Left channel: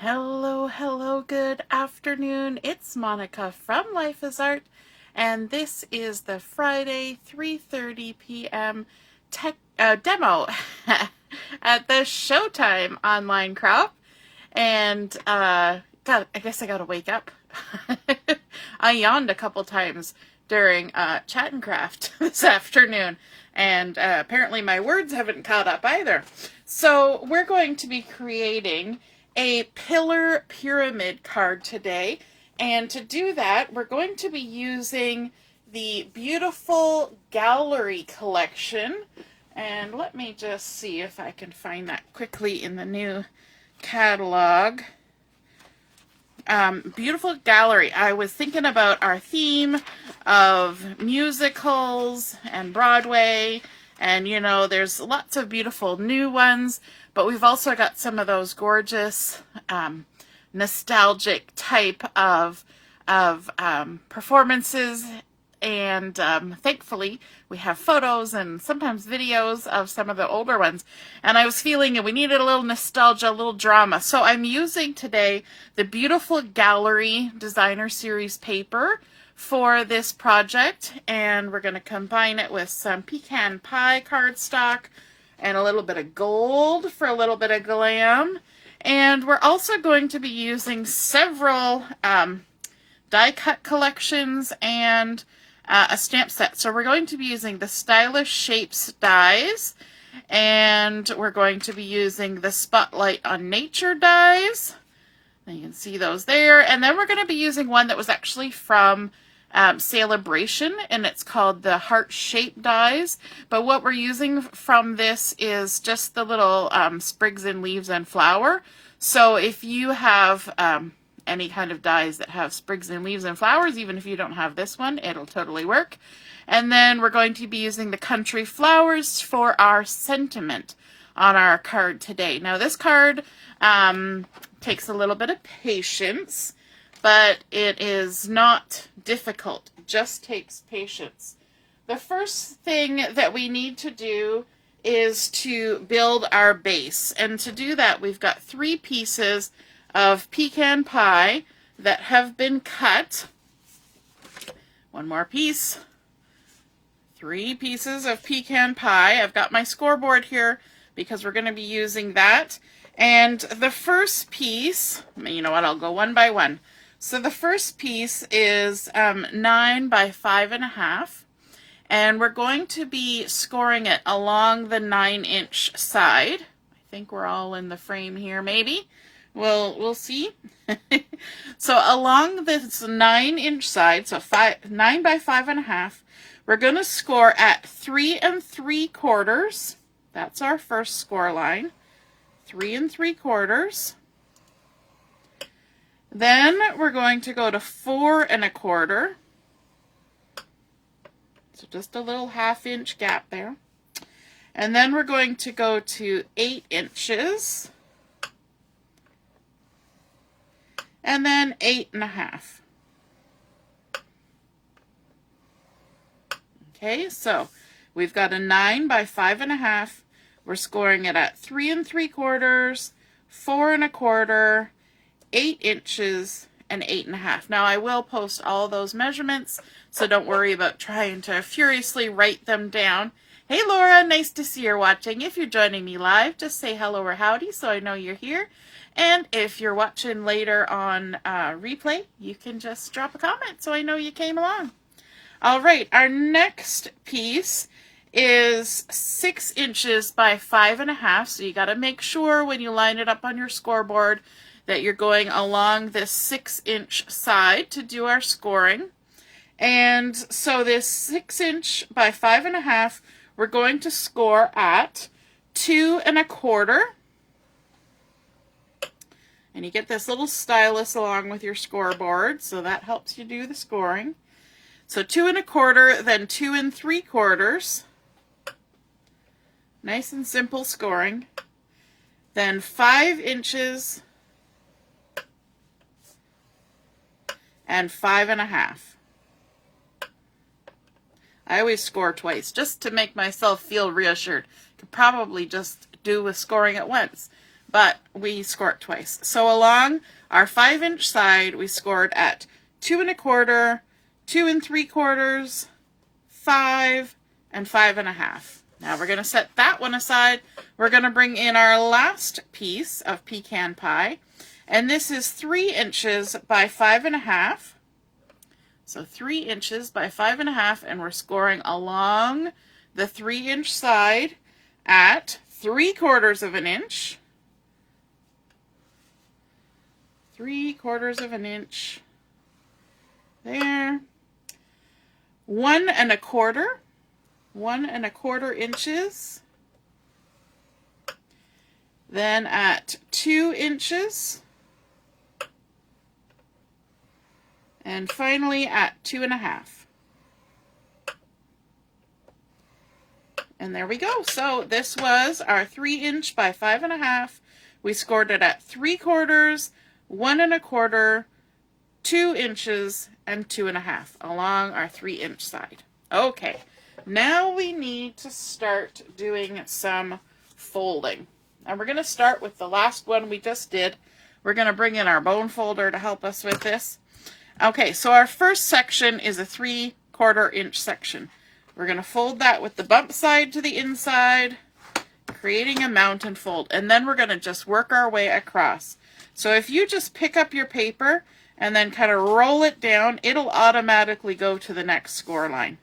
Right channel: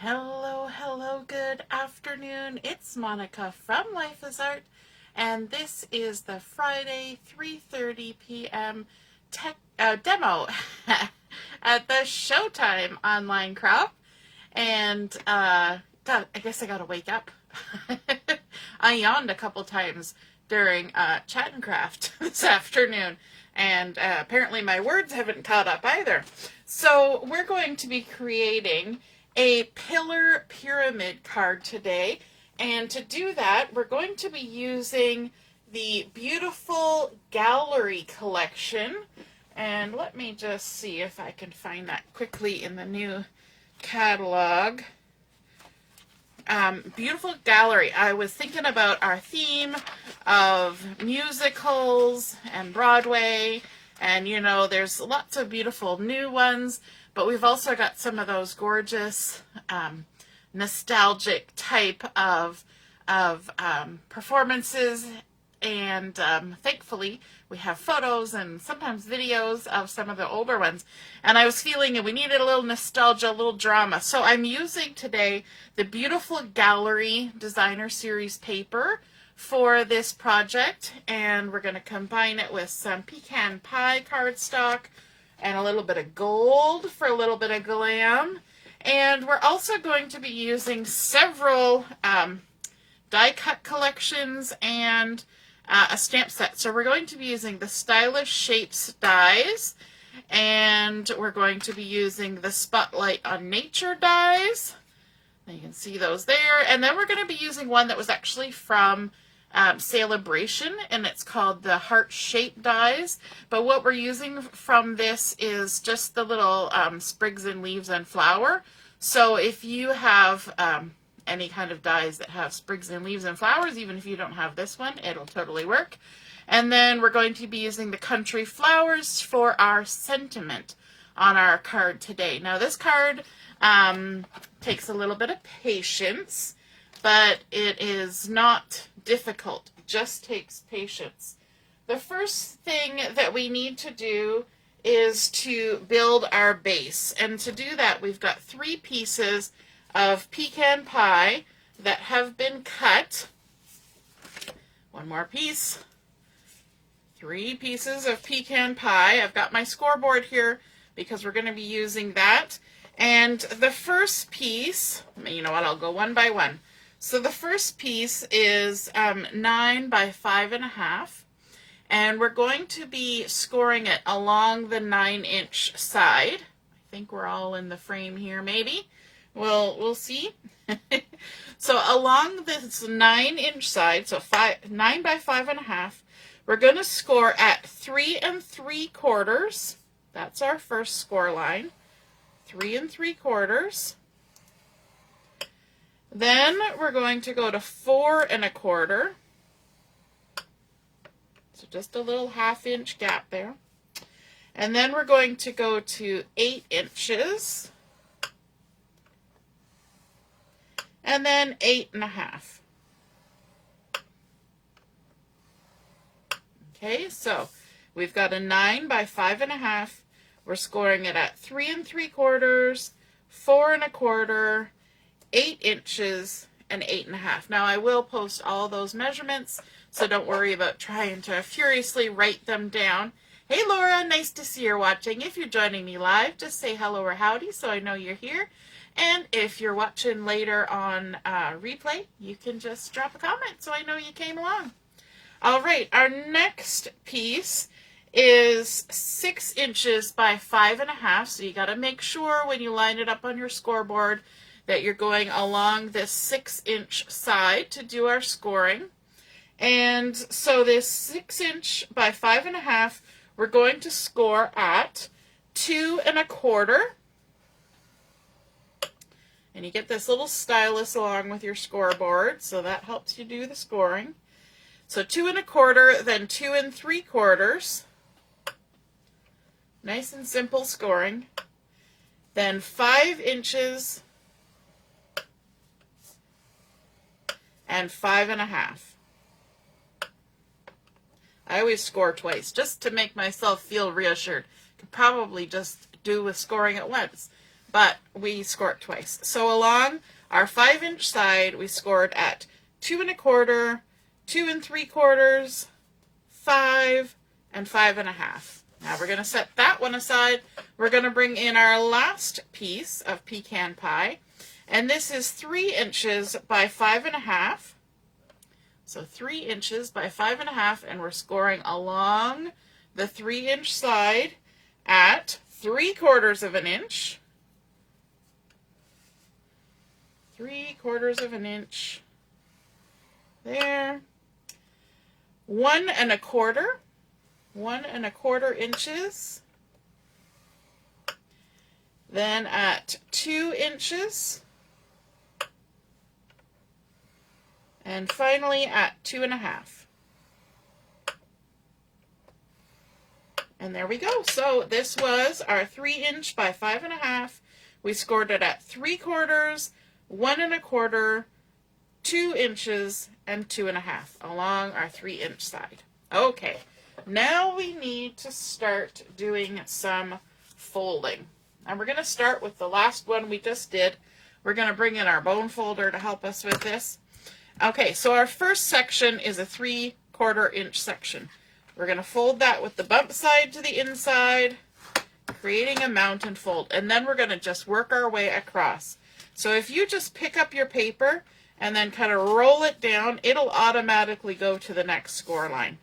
Hello, hello, good afternoon. It's Monica from Life is Art, and this is the Friday 3:30 p.m. Demo at the Showtime online crowd. And I guess I gotta wake up. I yawned a couple times during Chat and Craft this afternoon, and apparently my words haven't caught up either. So we're going to be creating a pillar pyramid card today, and to do that we're going to be using the beautiful gallery collection. And let me just see if I can find that quickly in the new catalog. Beautiful gallery. I was thinking about our theme of musicals and Broadway, and you know, there's lots of beautiful new ones, but we've also got some of those gorgeous nostalgic type of performances, and thankfully we have photos and sometimes videos of some of the older ones, and I was feeling that we needed a little nostalgia, a little drama, so I'm using today the beautiful gallery designer series paper for this project, and we're going to combine it with some Pecan Pie cardstock and a little bit of gold for a little bit of glam. And we're also going to be using several die cut collections and a stamp set. So we're going to be using the Stylish Shapes dies, and we're going to be using the Spotlight on Nature dies. You can see those there. And then we're going to be using one that was actually from Sale-A-Bration, and it's called the Heart Shape dies. But what we're using from this is just the little sprigs and leaves and flower. So if you have any kind of dies that have sprigs and leaves and flowers, even if you don't have this one, it'll totally work. And then we're going to be using the country flowers for our sentiment on our card today. Now this card takes a little bit of patience, but it is not difficult. It just takes patience. The first thing that we need to do is to build our base. And to do that, we've got 3 pieces of pecan pie that have been cut. One more piece. 3 pieces of pecan pie. I've got my scoreboard here because we're going to be using that. And the first piece, you know what, I'll go one by one. So the first piece is 9 by 5.5, and we're going to be scoring it along the 9-inch side. I think we're all in the frame here, maybe. We'll see. So along this 9-inch side, so 9 by 5.5, we're going to score at 3 3/4. That's our first score line. 3 3/4. Then we're going to go to 4 1/4. So just a little 1/2-inch gap there. And then we're going to go to 8 inches. And then 8.5. Okay, so we've got a 9 by 5.5. We're scoring it at 3 3/4, 4 1/4, 8 inches, and 8.5. Now I will post all those measurements, so don't worry about trying to furiously write them down. Hey Laura, nice to see you're watching. If you're joining me live, just say hello or howdy so I know you're here. And if you're watching later on replay, you can just drop a comment so I know you came along. All right, our next piece is 6 inches by 5.5. So you got to make sure when you line it up on your scoreboard that you're going along this 6-inch side to do our scoring. And so this 6 inch by 5.5, we're going to score at 2 1/4. And you get this little stylus along with your scoreboard, so that helps you do the scoring. So 2 1/4, then 2 3/4. Nice and simple scoring. Then 5 inches and 5.5. I always score twice just to make myself feel reassured. Could probably just do with scoring at once. but we score it twice. So along our 5-inch side, we scored at 2 1/4, 2 3/4, 5, and 5 1/2. Now we're going to set that one aside. We're going to bring in our last piece of pecan pie, and this is 3 inches by 5 1/2. So 3 inches by 5 1/2, and we're scoring along the 3-inch side at 3/4 of an inch. 3/4 of an inch. There. 1 1/4. 1 1/4 inches. Then at 2 inches. And finally at 2 1/2. And there we go. So this was our 3-inch by 5 1/2. We scored it at 3/4, 1 1/4, 2 inches, and 2 1/2 along our 3-inch side. Okay, now we need to start doing some folding. And we're going to start with the last one we just did. We're going to bring in our bone folder to help us with this. Okay, so our first section is a 3/4 inch section. We're going to fold that with the bump side to the inside, creating a mountain fold. And then we're going to just work our way across. So if you just pick up your paper and then kind of roll it down, it'll automatically go to the next score line.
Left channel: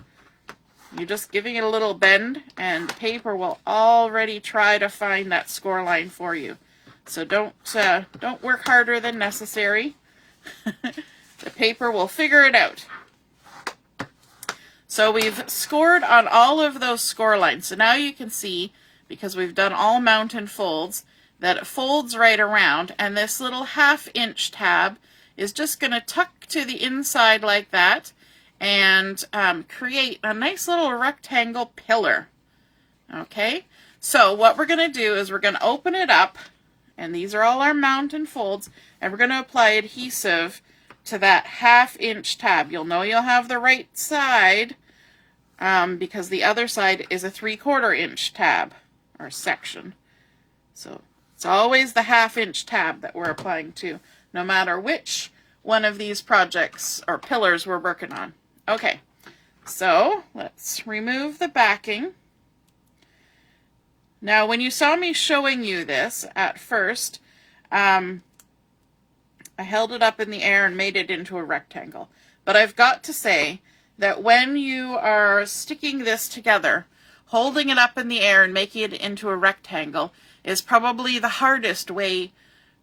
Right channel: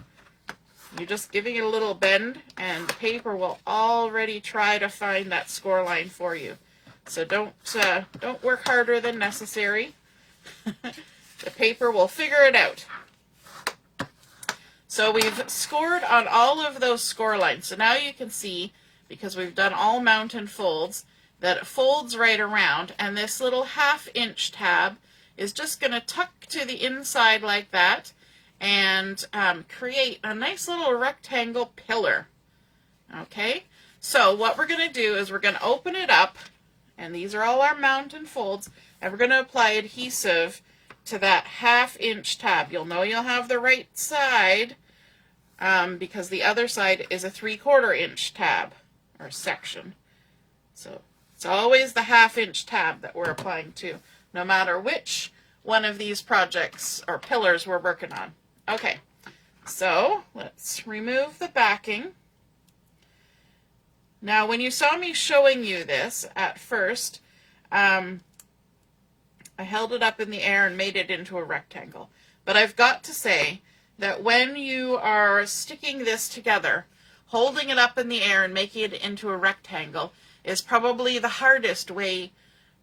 You're just giving it a little bend, and the paper will already try to find that score line for you. So don't work harder than necessary. The paper will figure it out. So we've scored on all of those score lines. So now you can see, because we've done all mountain folds, that it folds right around, and this little 1/2-inch tab is just going to tuck to the inside like that and create a nice little rectangle pillar. Okay, so what we're going to do is we're going to open it up, and these are all our mountain folds, and we're going to apply adhesive to that 1/2-inch tab. You'll know you'll have the right side because the other side is a 3/4 inch tab or section. So it's always the 1/2-inch tab that we're applying to, no matter which one of these projects or pillars we're working on. Okay, so let's remove the backing. Now, when you saw me showing you this at first, I held it up in the air and made it into a rectangle. But I've got to say that when you are sticking this together, holding it up in the air and making it into a rectangle is probably the hardest way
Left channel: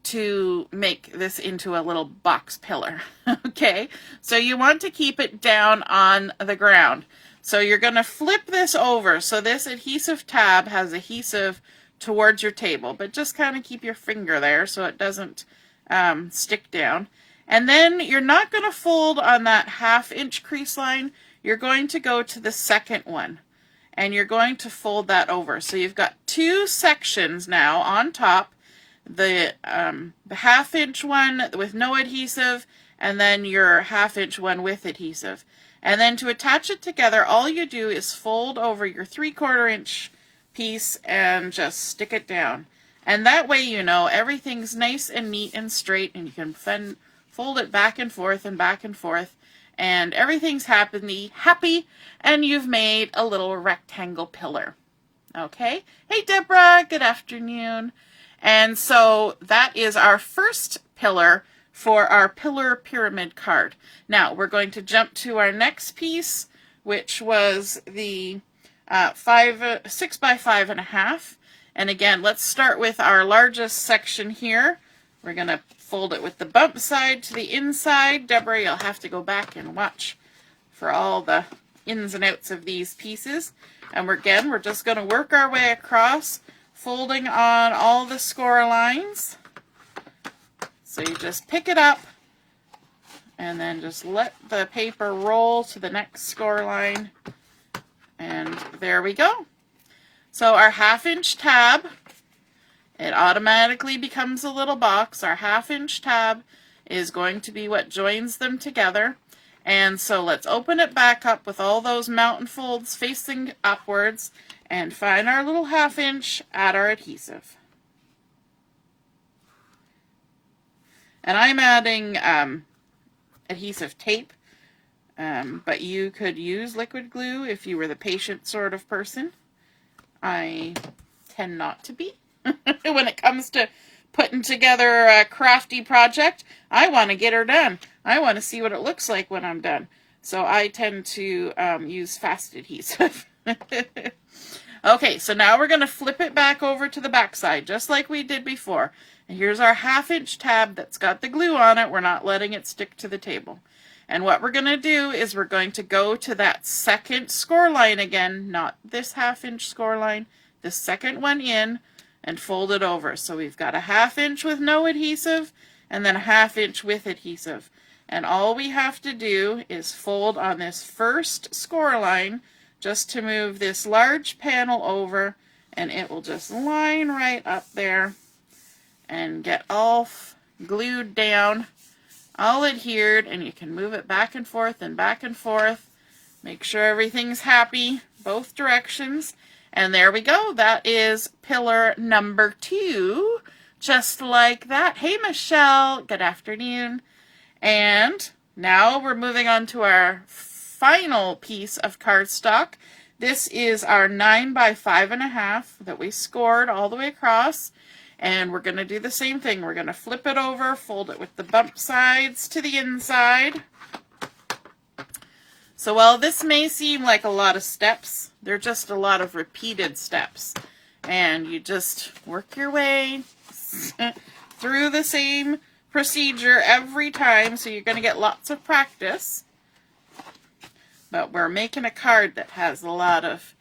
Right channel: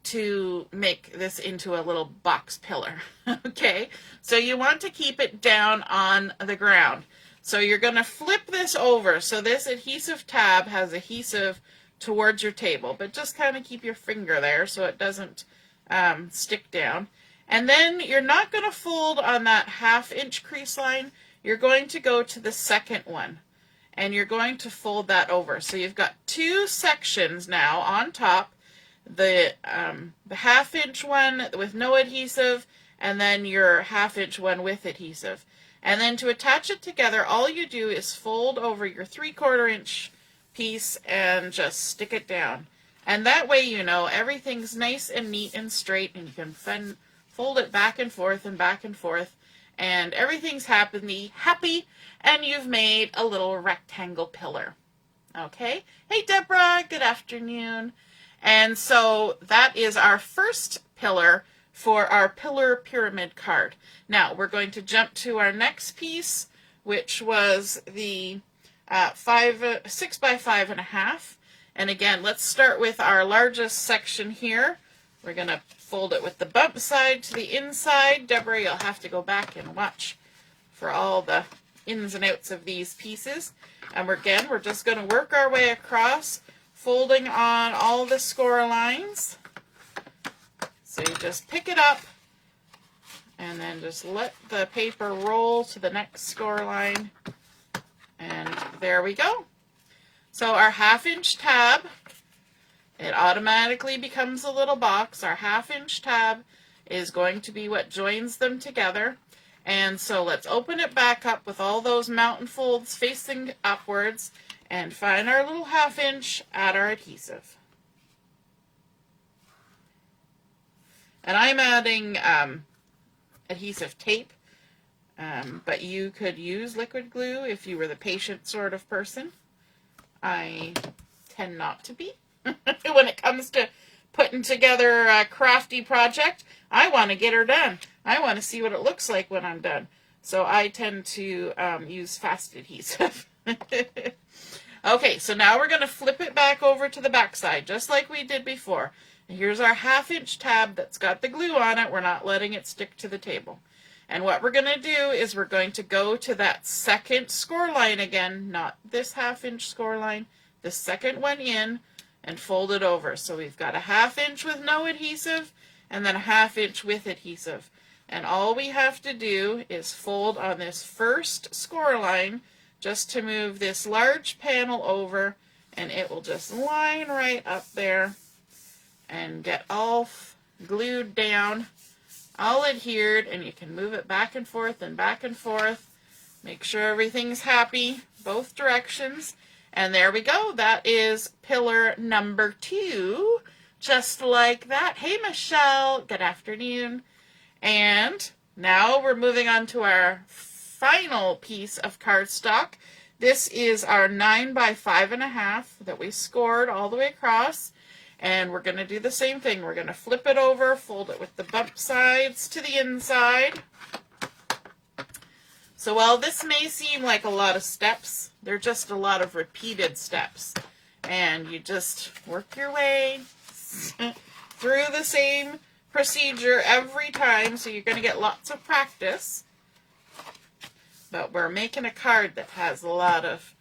to make this into a little box pillar. Okay, so you want to keep it down on the ground. So you're going to flip this over so this adhesive tab has adhesive towards your table, but just kind of keep your finger there so it doesn't stick down. And then you're not going to fold on that 1/2-inch crease line. You're going to go to the second one, and you're going to fold that over. So you've got 2 sections now on top, the 1/2-inch one with no adhesive, and then your 1/2-inch one with adhesive. And then to attach it together, all you do is fold over your 3/4 inch piece and just stick it down. And that way, you know, everything's nice and neat and straight, and you can fold it back and forth, and everything's happy, and you've made a little rectangle pillar. Okay? Hey, Deborah, good afternoon. And so that is our first pillar for our pillar pyramid card. Now, we're going to jump to our next piece, which was the 6 by 5 1/2. And again, let's start with our largest section here. We're going to fold it with the bump side to the inside. Deborah, you'll have to go back and watch for all the ins and outs of these pieces. And we're just going to work our way across, folding on all the score lines. So you just pick it up and then just let the paper roll to the next score line. And there we go. So our 1/2-inch tab, it automatically becomes a little box. Our 1/2-inch tab is going to be what joins them together. And so let's open it back up with all those mountain folds facing upwards and find our little 1/2-inch, add our adhesive. And I'm adding adhesive tape, but you could use liquid glue if you were the patient sort of person. I tend not to be. When it comes to putting together a crafty project, I want to get her done. I want to see what it looks like when I'm done. So I tend to use fast adhesive. Okay, so now we're going to flip it back over to the back side, just like we did before. And here's our 1/2 tab that's got the glue on it. We're not letting it stick to the table. And what we're going to do is we're going to go to that second score line again, not this 1/2 score line, the second one in, and fold it over. So we've got a 1/2 with no adhesive, and then a 1/2 with adhesive. And all we have to do is fold on this first score line just to move this large panel over, and it will just line right up there and get all glued down, all adhered, and you can move it back and forth and back and forth. Make sure everything's happy, both directions. And there we go. That is pillar number 2, just like that. Hey, Michelle. Good afternoon. And now we're moving on to our final piece of cardstock. This is our 9 by 5.5 that we scored all the way across. And we're going to do the same thing. We're going to flip it over, fold it with the bump sides to the inside. So while this may seem like a lot of steps, they're just a lot of repeated steps. And you just work your way through the same procedure every time, so you're going to get lots of practice. But we're making a card that has a lot of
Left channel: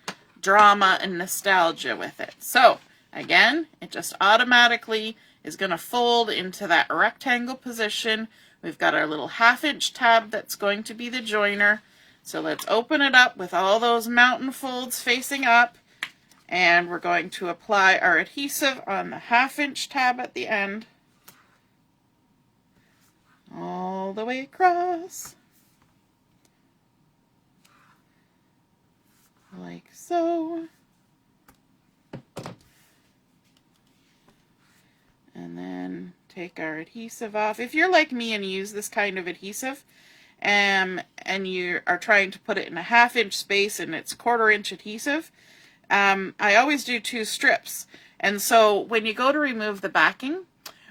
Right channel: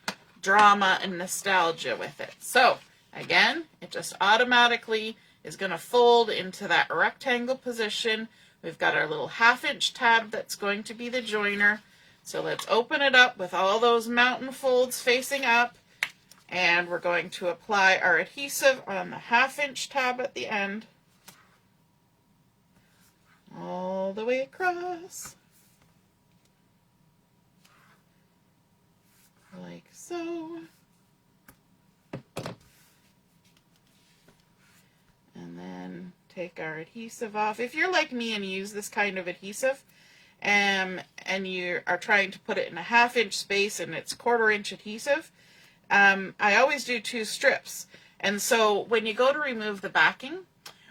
drama and nostalgia with it. So again, it just automatically is going to fold into that rectangle position. We've got our little 1/2 tab that's going to be the joiner. So let's open it up with all those mountain folds facing up. And we're going to apply our adhesive on the 1/2 tab at the end. All the way across. Like so. And then take our adhesive off. If you're like me and use this kind of adhesive, and you are trying to put it in a 1/2 space and it's 1/4 adhesive, I always do 2 strips. And so when you go to remove the backing,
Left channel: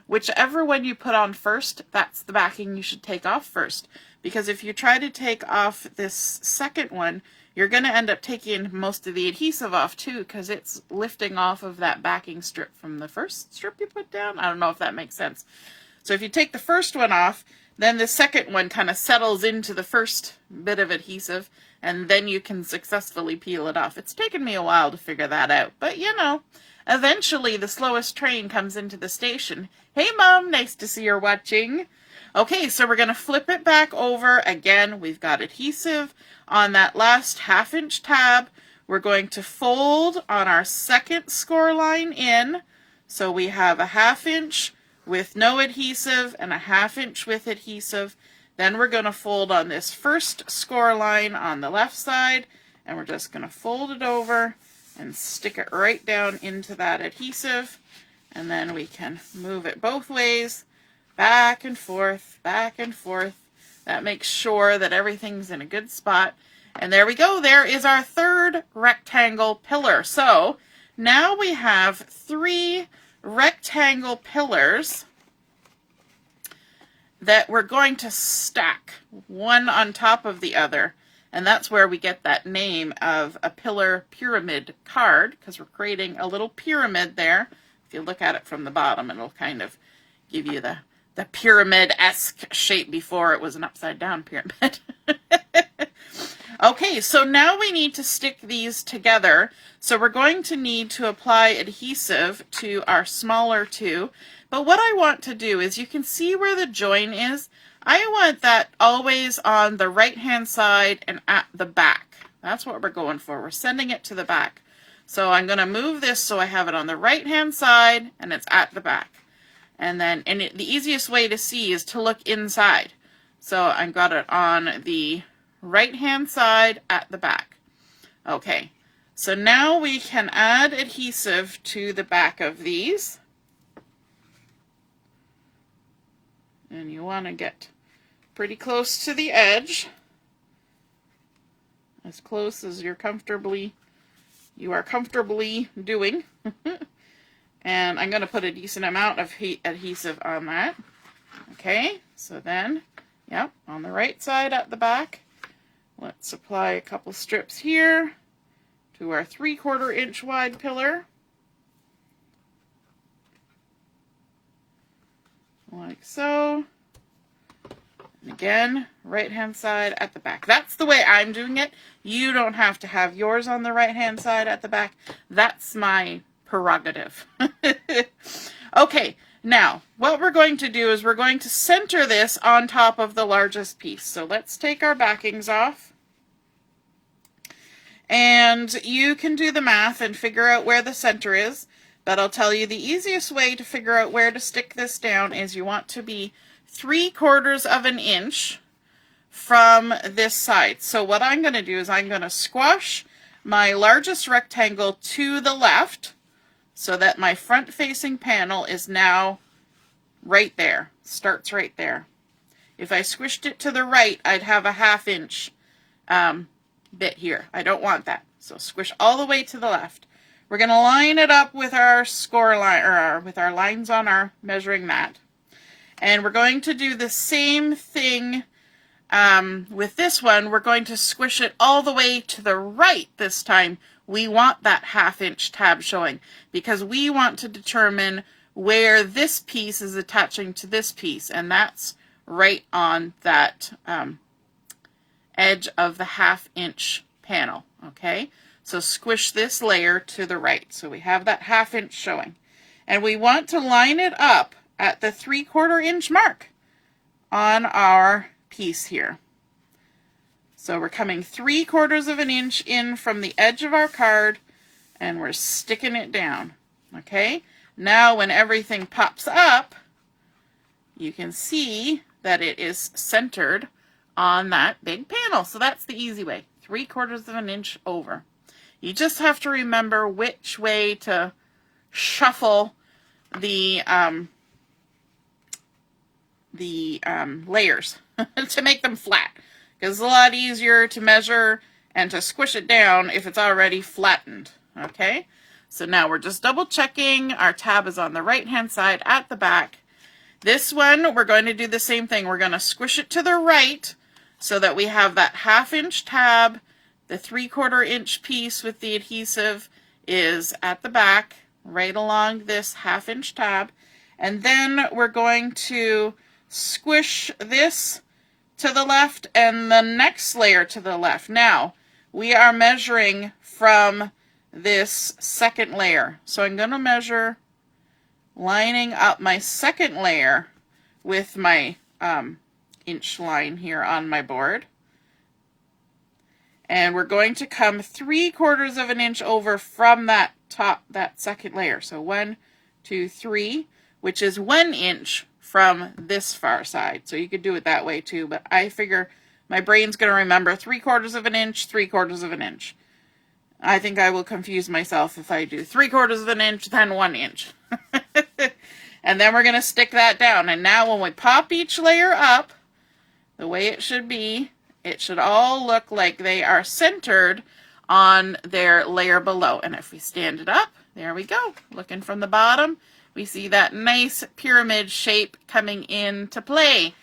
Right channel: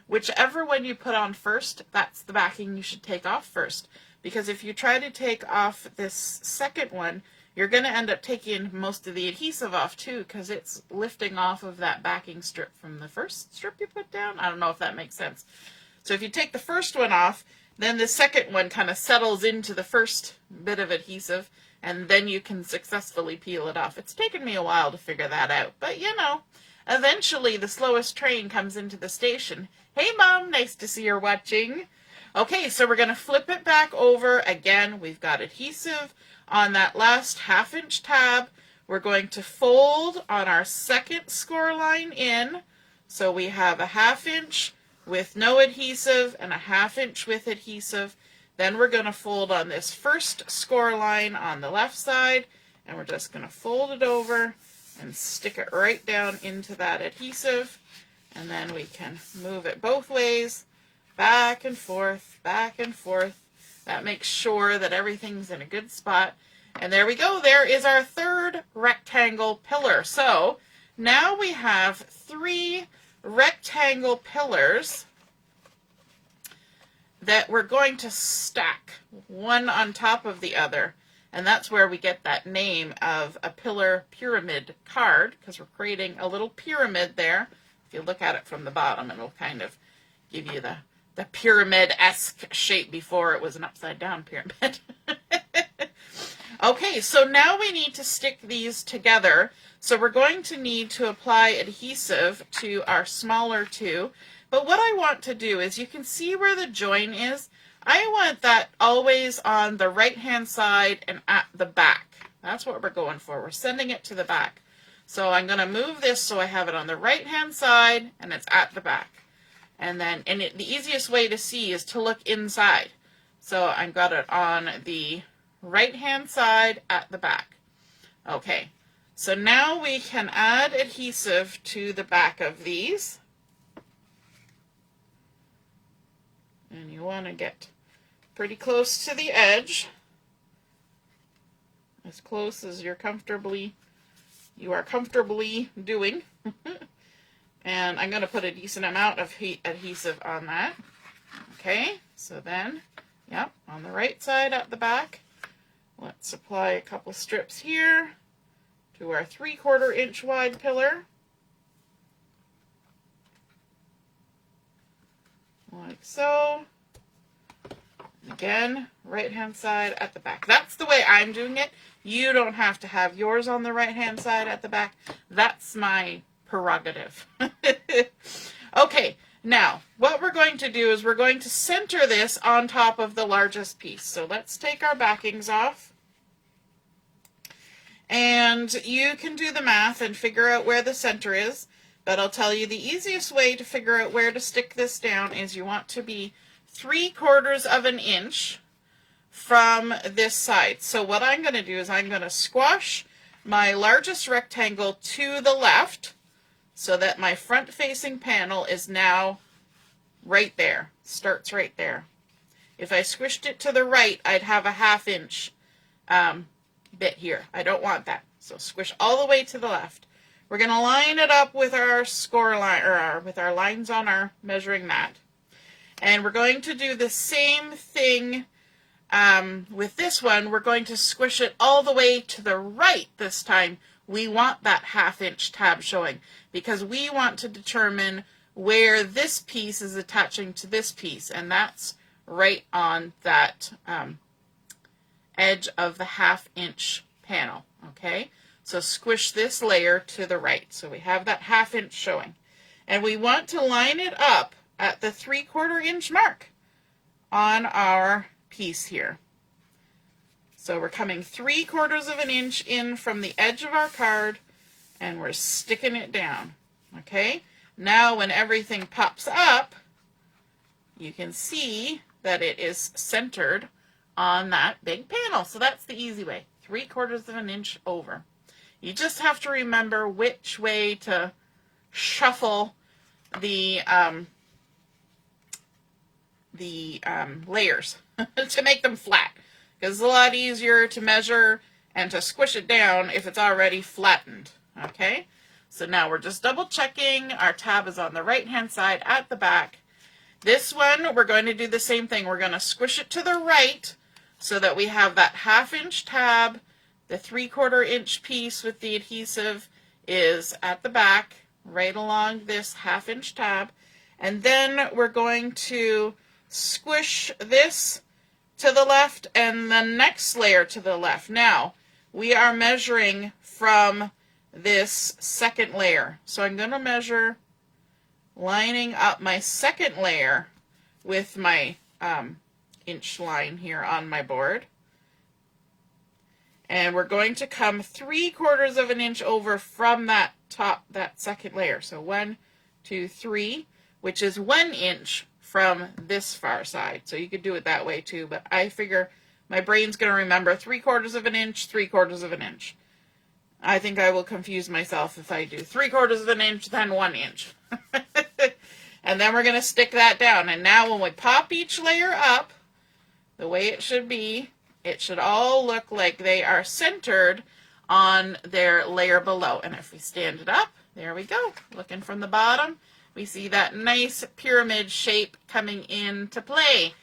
whichever one you put on first, that's the backing you should take off first. Because if you try to take off this second one, you're going to end up taking most of the adhesive off too, because it's lifting off of that backing strip from the first strip you put down. I don't know if that makes sense. So if you take the first one off, then the second one kind of settles into the first bit of adhesive, and then you can successfully peel it off. It's taken me a while to figure that out, but you know, eventually the slowest train comes into the station. Hey Mom, nice to see you're watching. Okay, so we're going to flip it back over. Again, we've got adhesive on that last 1/2 tab. We're going to fold on our second score line in. So we have a 1/2 with no adhesive and a 1/2 with adhesive. Then we're going to fold on this first score line on the left side, and we're just going to fold it over and stick it right down into that adhesive. And then we can move it both ways, back and forth, back and forth. That makes sure that everything's in a good spot. And there we go. There is our 3rd rectangle pillar. So now we have 3 rectangle pillars that we're going to stack one on top of the other. And that's where we get that name of a pillar pyramid card, because we're creating a little pyramid there. If you look at it from the bottom, it'll kind of give you the pyramid-esque shape before it was an upside-down pyramid. Okay, so now we need to stick these together. So we're going to need to apply adhesive to our smaller 2. But what I want to do is, you can see where the join is. I want that always on the right-hand side and at the back. That's what we're going for. We're sending it to the back. So I'm going to move this so I have it on the right-hand side and it's at the back. And then, the easiest way to see is to look inside. So I've got it on the right-hand side at the back. Okay, so now we can add adhesive to the back of these. And you want to get pretty close to the edge, as close as you are comfortably doing. And I'm going to put a decent amount of adhesive on that. Okay, so then, yep, on the right side at the back, let's apply a couple strips here to our 3/4 inch wide pillar. Like so. And again, right hand side at the back. That's the way I'm doing it. You don't have to have yours on the right hand side at the back. That's my prerogative. Okay, now what we're going to do is we're going to center this on top of the largest piece. So let's take our backings off. And you can do the math and figure out where the center is. But I'll tell you the easiest way to figure out where to stick this down is you want to be 3/4 of an inch from this side. So what I'm going to do is I'm going to squash my largest rectangle to the left so that my front facing panel is now right there, starts right there. If I squished it to the right, I'd have a 1/2 inch bit here. I don't want that. So squish all the way to the left. We're going to line it up with our score line, or with our lines on our measuring mat. And we're going to do the same thing with this one. We're going to squish it all the way to the right this time. We want that 1/2 inch tab showing because we want to determine where this piece is attaching to this piece, and that's right on that edge of the 1/2 inch panel. Okay, so squish this layer to the right so we have that 1/2 inch showing, and we want to line it up at the 3/4 inch mark on our piece here. So we're coming 3/4 of an inch in from the edge of our card and we're sticking it down. Okay, now when everything pops up, you can see that it is centered on that big panel. So that's the easy way, 3/4 of an inch over. You just have to remember which way to shuffle the layers to make them flat, because it's a lot easier to measure and to squish it down if it's already flattened. Okay, so now we're just double checking our tab is on the right hand side at the back. This one we're going to do the same thing. We're going to squish it to the right so that we have that 1/2 inch tab. The 3/4 inch piece with the adhesive is at the back, right along this 1/2 inch tab. And then we're going to squish this to the left and the next layer to the left. Now, we are measuring from this second layer. So I'm going to measure lining up my second layer with my inch line here on my board. And we're going to come 3/4 of an inch over from that top, that second layer. So 1, 2, 3, which is 1 inch from this far side. So you could do it that way too, but I figure my brain's going to remember 3/4 of an inch, 3/4 of an inch. I think I will confuse myself if I do 3/4 of an inch, then 1 inch. And then we're going to stick that down. And now when we pop each layer up, the way it should be, it should all look like they are centered on their layer below. And if we stand it up, there we go. Looking from the bottom, we see that nice pyramid shape coming into play.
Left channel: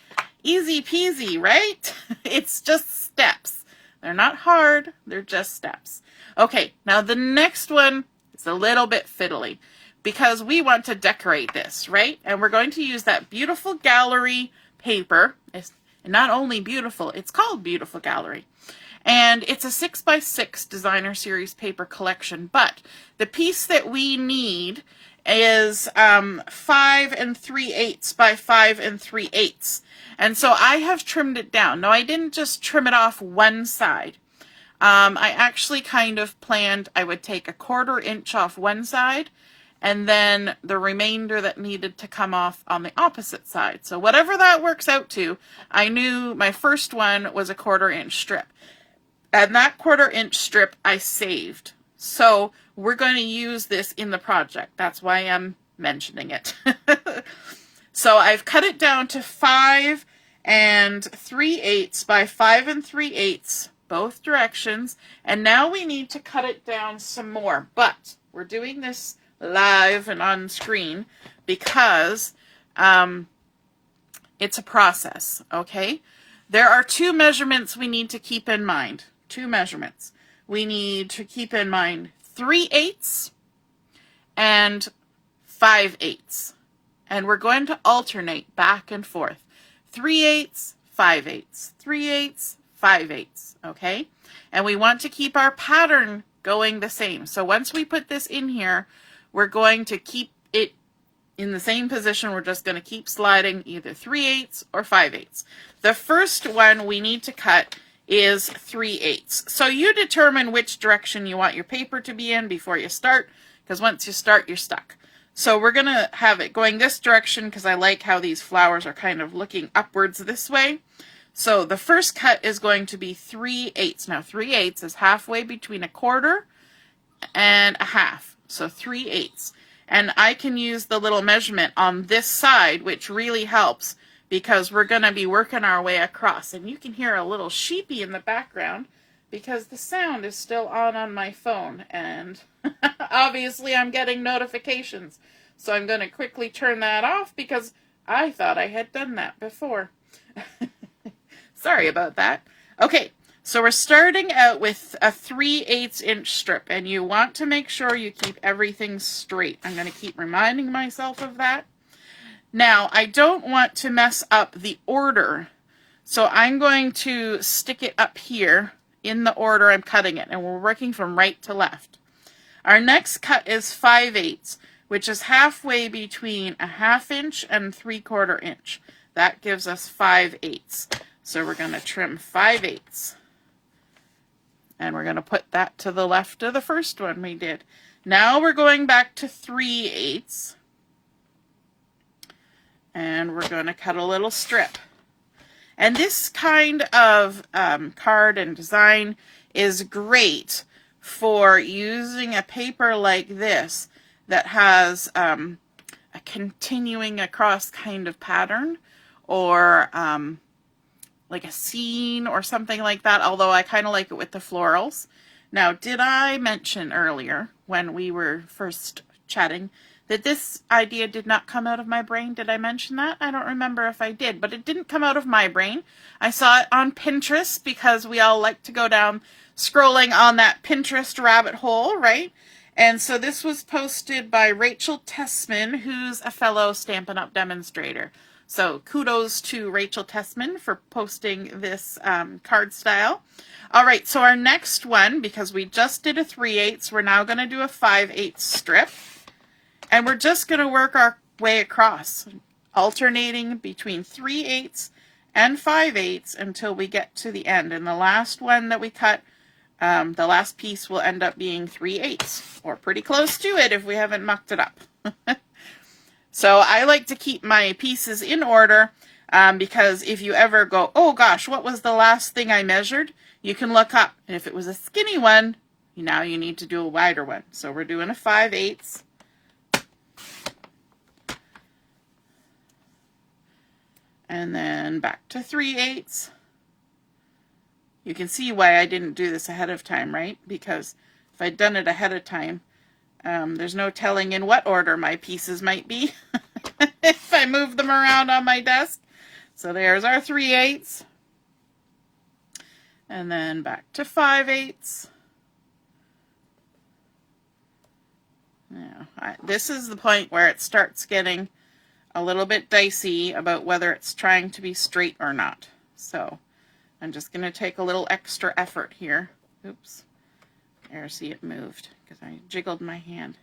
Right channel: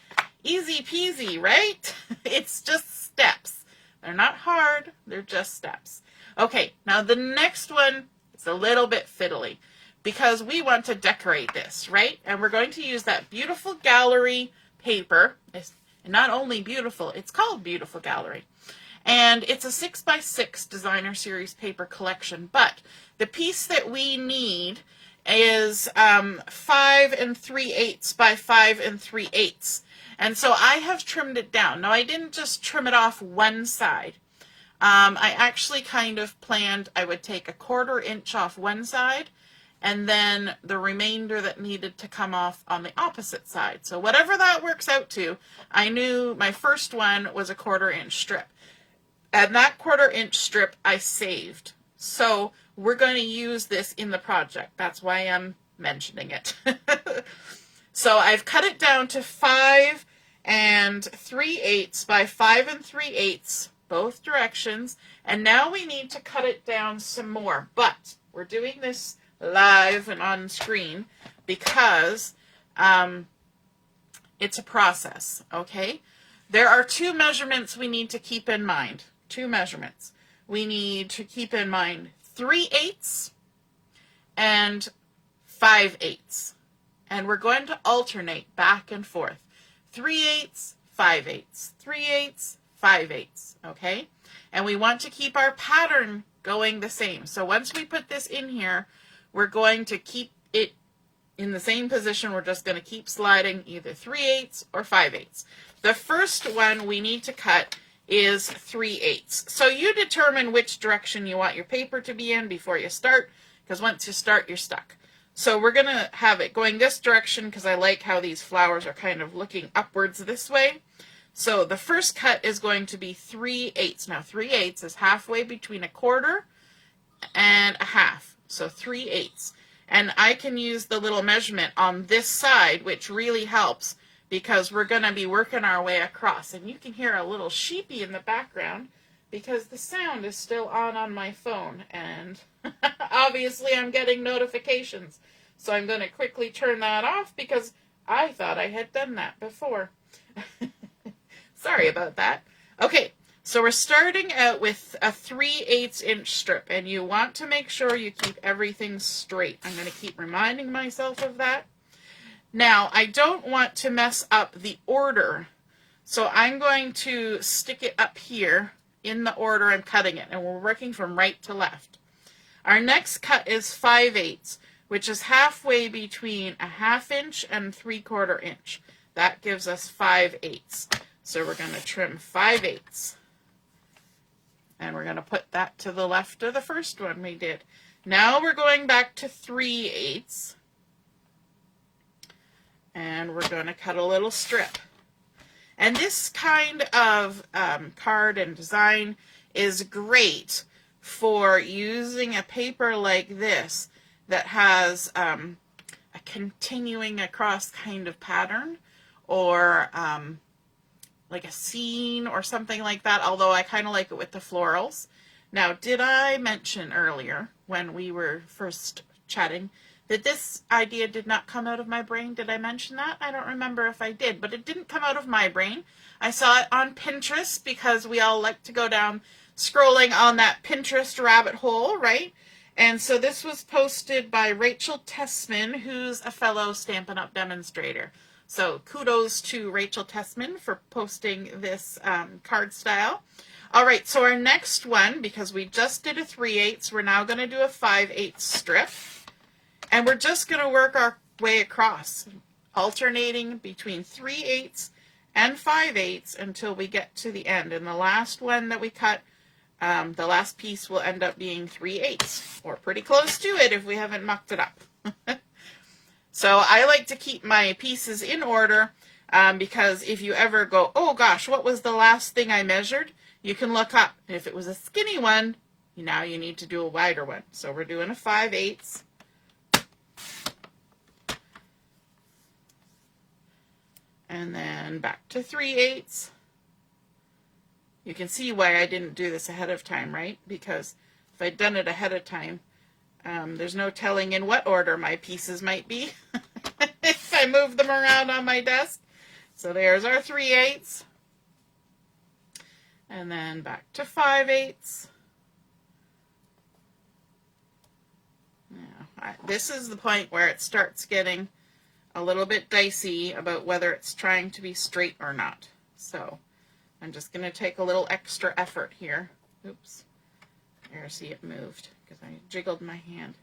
Easy peasy, right? It's just steps. They're not hard, they're just steps. Okay, now the next one is a little bit fiddly because we want to decorate this, right? And we're going to use that beautiful gallery paper. It's not only beautiful, it's called Beautiful Gallery. And it's a 6x6 designer series paper collection, but the piece that we need is 5 3/8 by 5 3/8. And so I have trimmed it down. Now I didn't just trim it off one side. I actually kind of planned I would take 1/4 inch off one side and then the remainder that needed to come off on the opposite side. So whatever that works out to, I knew my first one was 1/4 inch strip. And that 1/4 inch strip I saved. So we're going to use this in the project. That's why I'm mentioning it. So I've cut it down to 5 3/8 by 5 3/8, both directions. And now we need to cut it down some more. But we're doing this live and on screen because it's a process, okay? There are 2 measurements we need to keep in mind. 2 measurements. We need to keep in mind 3/8 and 5/8. And we're going to alternate back and forth. 3/8, 5/8, 3/8, 5/8, okay? And we want to keep our pattern going the same. So once we put this in here, we're going to keep it in the same position. We're just going to keep sliding either 3/8 or 5/8. The first one we need to cut is 3/8. So you determine which direction you want your paper to be in before you start, because once you start, you're stuck. So we're going to have it going this direction because I like how these flowers are kind of looking upwards this way. So the first cut is going to be 3/8. Now 3/8 is halfway between a quarter and a half. So 3/8. And I can use the little measurement on this side, which really helps because we're going to be working our way across. And you can hear a little sheepy in the background because the sound is still on my phone. And obviously I'm getting notifications. So I'm going to quickly turn that off because I thought I had done that before. Sorry about that. Okay, so we're starting out with a 3/8 inch strip, and you want to make sure you keep everything straight. I'm going to keep reminding myself of that. Now, I don't want to mess up the order, so I'm going to stick it up here in the order I'm cutting it, and we're working from right to left. Our next cut is 5/8, which is halfway between a 1/2 inch and 3/4 inch. That gives us 5/8. So we're going to trim 5/8. And we're going to put that to the left of the first one we did. Now we're going back to 3/8. And we're going to cut a little strip. And this kind of card and design is great for using a paper like this that has a continuing across kind of pattern, or like a scene or something like that, although I kind of like it with the florals. Now, did I mention earlier when we were first chatting that this idea did not come out of my brain? Did I mention that? I don't remember if I did, but it didn't come out of my brain. I saw it on Pinterest because we all like to go down scrolling on that Pinterest rabbit hole, right? And so this was posted by Rachel Tessman, who's a fellow Stampin' Up! Demonstrator. So kudos to Rachel Tessman for posting this card style. All right, so our next one, because we just did a 3/8, we're now going to do a 5/8 strip. And we're just going to work our way across, alternating between 3/8 and 5/8 until we get to the end. And the last one that we cut, the last piece will end up being 3/8, or pretty close to it if we haven't mucked it up. So I like to keep my pieces in order because if you ever go, oh gosh, what was the last thing I measured? You can look up. And if it was a skinny one, now you need to do a wider one. So we're doing a 5/8. And then back to 3/8. You can see why I didn't do this ahead of time, right? Because if I'd done it ahead of time, there's no telling in what order my pieces might be if I move them around on my desk. So there's our 3/8. And then back to 5/8. Now, this is the point where it starts getting a little bit dicey about whether it's trying to be straight or not. So I'm just going to take a little extra effort here. Oops. There, see, it moved because I jiggled my hand.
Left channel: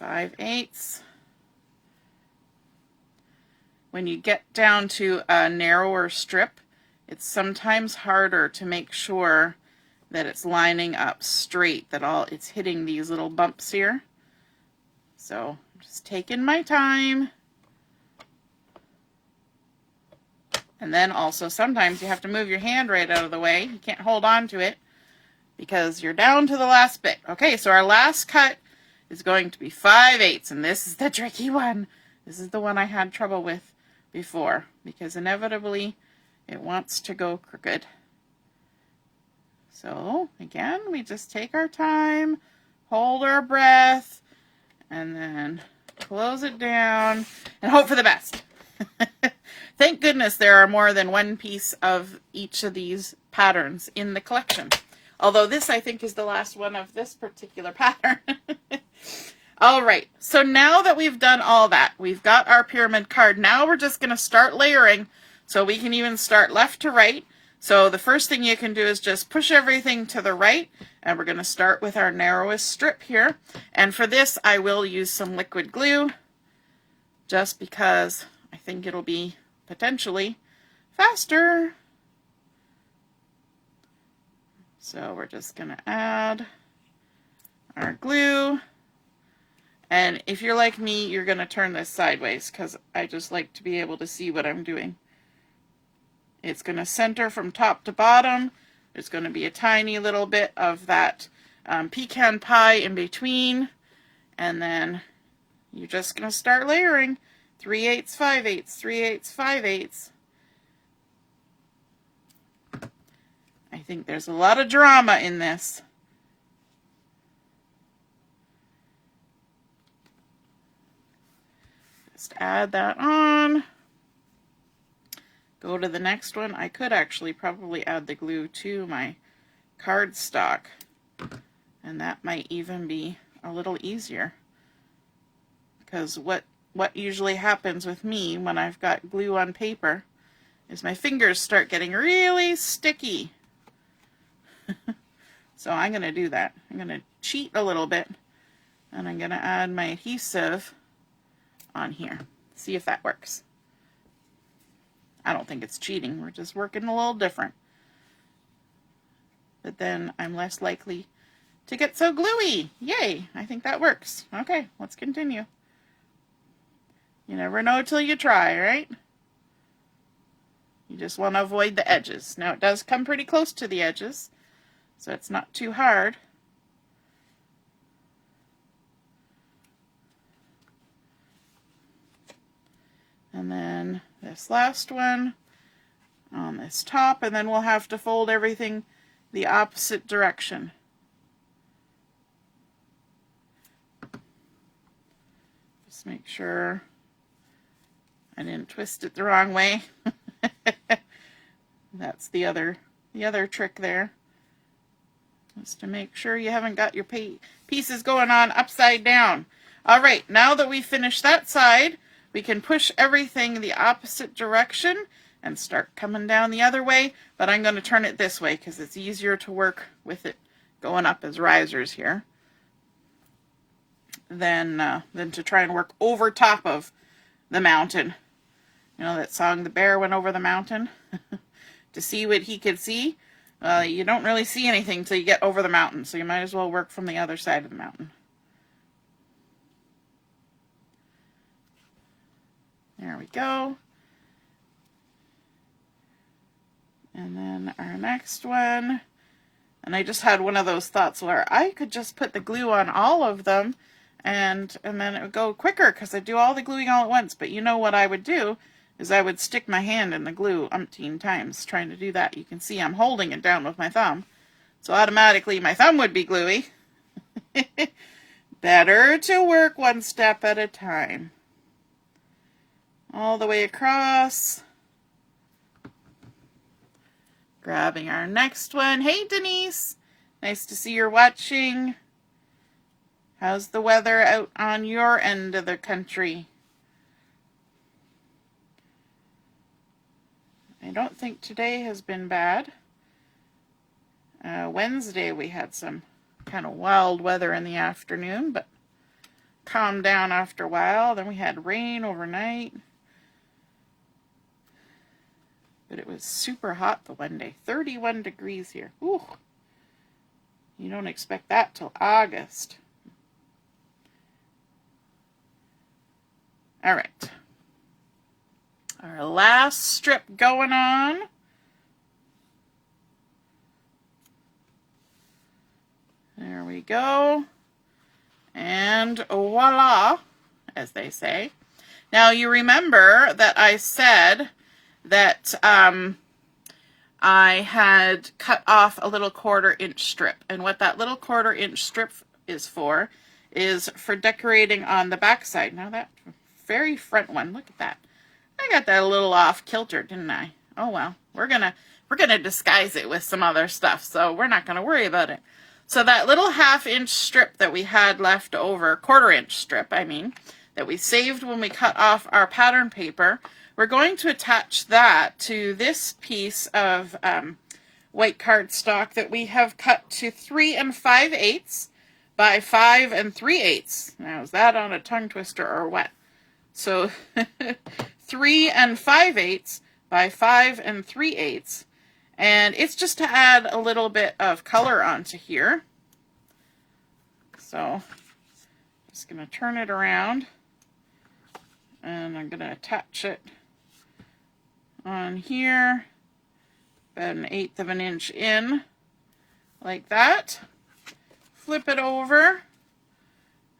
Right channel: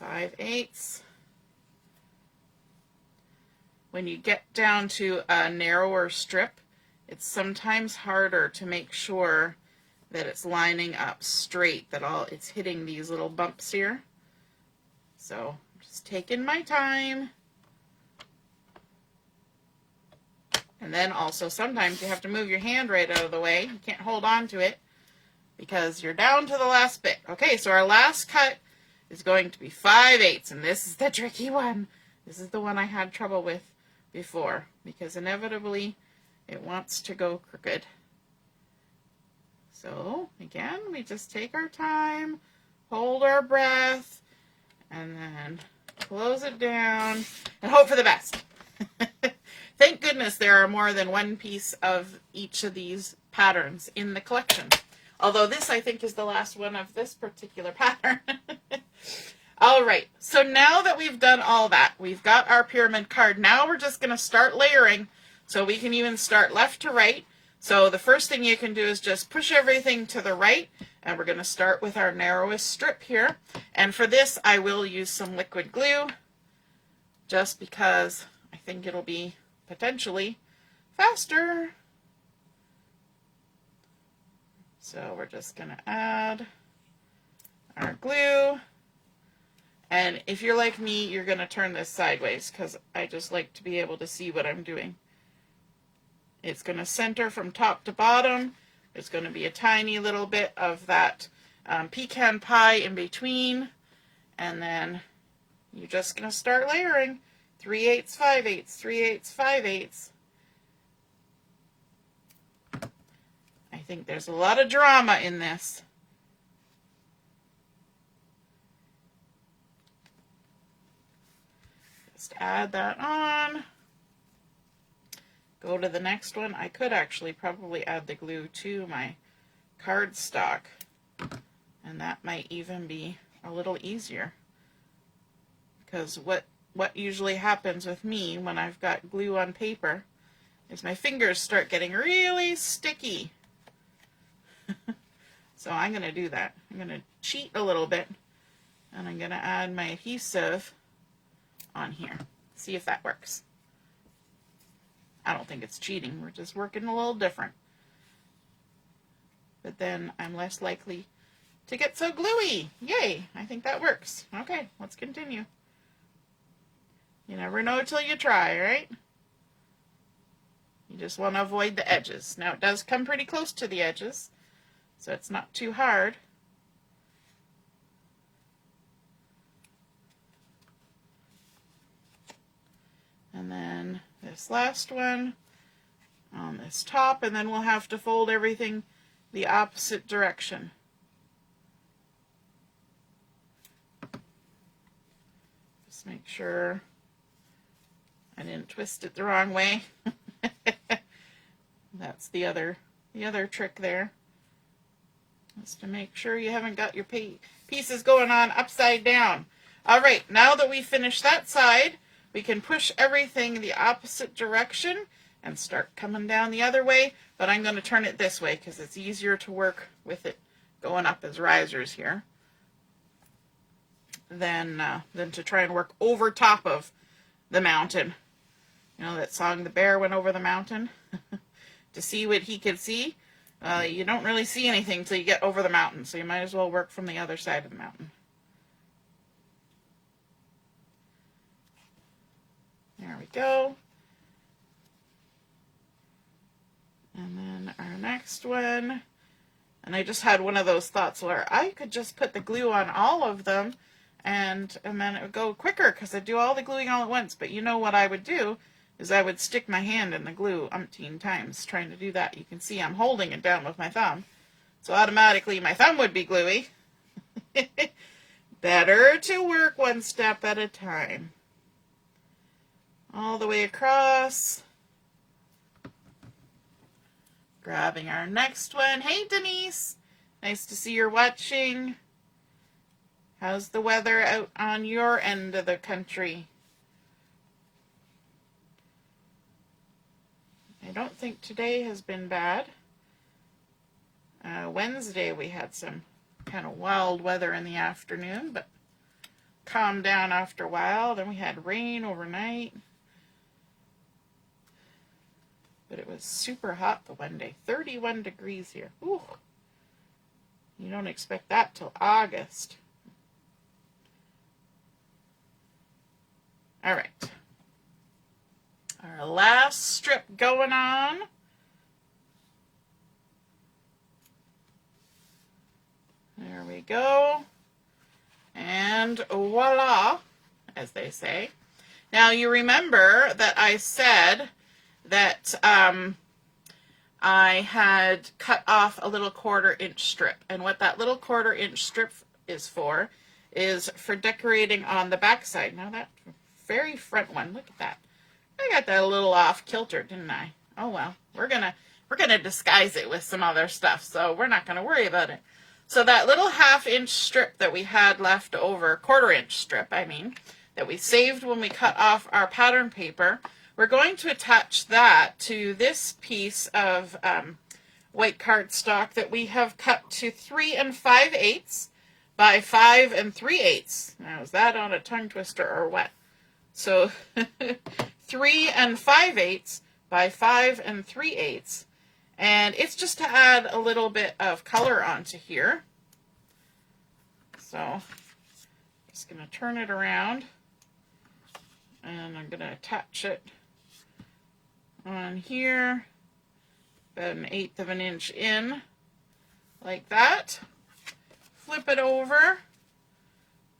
5/8. When you get down to a narrower strip, it's sometimes harder to make sure that it's lining up straight, that it's hitting these little bumps here. So I'm just taking my time. And then also sometimes you have to move your hand right out of the way. You can't hold on to it because you're down to the last bit. Okay, so our last cut is going to be 5/8, and this is the tricky one. This is the one I had trouble with before, because inevitably it wants to go crooked. So again, we just take our time, hold our breath, and then close it down and hope for the best. Thank goodness there are more than one piece of each of these patterns in the collection. Although this, I think, is the last one of this particular pattern. All right, so now that we've done all that, we've got our pyramid card. Now we're just going to start layering, so we can even start left to right. So the first thing you can do is just push everything to the right, and we're going to start with our narrowest strip here. And for this, I will use some liquid glue, just because I think it'll be potentially faster. So we're just going to add our glue. And if you're like me, you're going to turn this sideways, because I just like to be able to see what I'm doing. It's going to center from top to bottom. There's going to be a tiny little bit of that pecan pie in between. And then you're just going to start layering. 3/8, 5/8, 3/8, 5/8. I think there's a lot of drama in this. Just add that on. Go to the next one. I could actually probably add the glue to my cardstock, and that might even be a little easier, because what usually happens with me when I've got glue on paper is my fingers start getting really sticky. So I'm going to do that. I'm going to cheat a little bit, and I'm going to add my adhesive on here. See if that works. I don't think it's cheating. We're just working a little different. But then I'm less likely to get so gluey. Yay! I think that works. Okay, let's continue. You never know till you try, right? You just want to avoid the edges. Now it does come pretty close to the edges, so it's not too hard. And then this last one on this top, and then we'll have to fold everything the opposite direction. Just make sure I didn't twist it the wrong way. That's the other trick there. Just to make sure you haven't got your pieces going on upside down. All right, now that we've finished that side, we can push everything the opposite direction and start coming down the other way, but I'm going to turn it this way because it's easier to work with it going up as risers here than to try and work over top of the mountain. You know that song, The Bear Went Over the Mountain? To see what he could see? Well, you don't really see anything until you get over the mountain, so you might as well work from the other side of the mountain. There we go. And then our next one. And I just had one of those thoughts where I could just put the glue on all of them and then it would go quicker because I'd do all the gluing all at once. But you know what I would do is I would stick my hand in the glue umpteen times trying to do that. You can see I'm holding it down with my thumb. So automatically my thumb would be gluey. Better to work one step at a time. All the way across. Grabbing our next one. Hey Denise, nice to see you're watching. How's the weather out on your end of the country? I don't think today has been bad. Wednesday we had some kind of wild weather in the afternoon, but calmed down after a while. Then we had rain overnight. But it was super hot the one day. 31 degrees here. Ooh. You don't expect that till August. All right. Our last strip going on. There we go. And voila, as they say. Now you remember that I said that I had cut off a little 1/4 inch strip, and what that little 1/4 inch strip is for decorating on the back side. Now that very front one, look at that. I got that a little off kilter, didn't I? Oh well, we're gonna disguise it with some other stuff, so we're not gonna worry about it. So that little 1/2 inch strip that we had left over, 1/4 inch strip, I mean, that we saved when we cut off our pattern paper, we're going to attach that to this piece of white cardstock that we have cut to 3 5/8 by 5 3/8. Now, is that on a tongue twister or what? So 3 5/8 by 5 3/8. And it's just to add a little bit of color onto here. So I'm just going to turn it around, and I'm going to attach it on here, about 1/8 of an inch in, like that. Flip it over,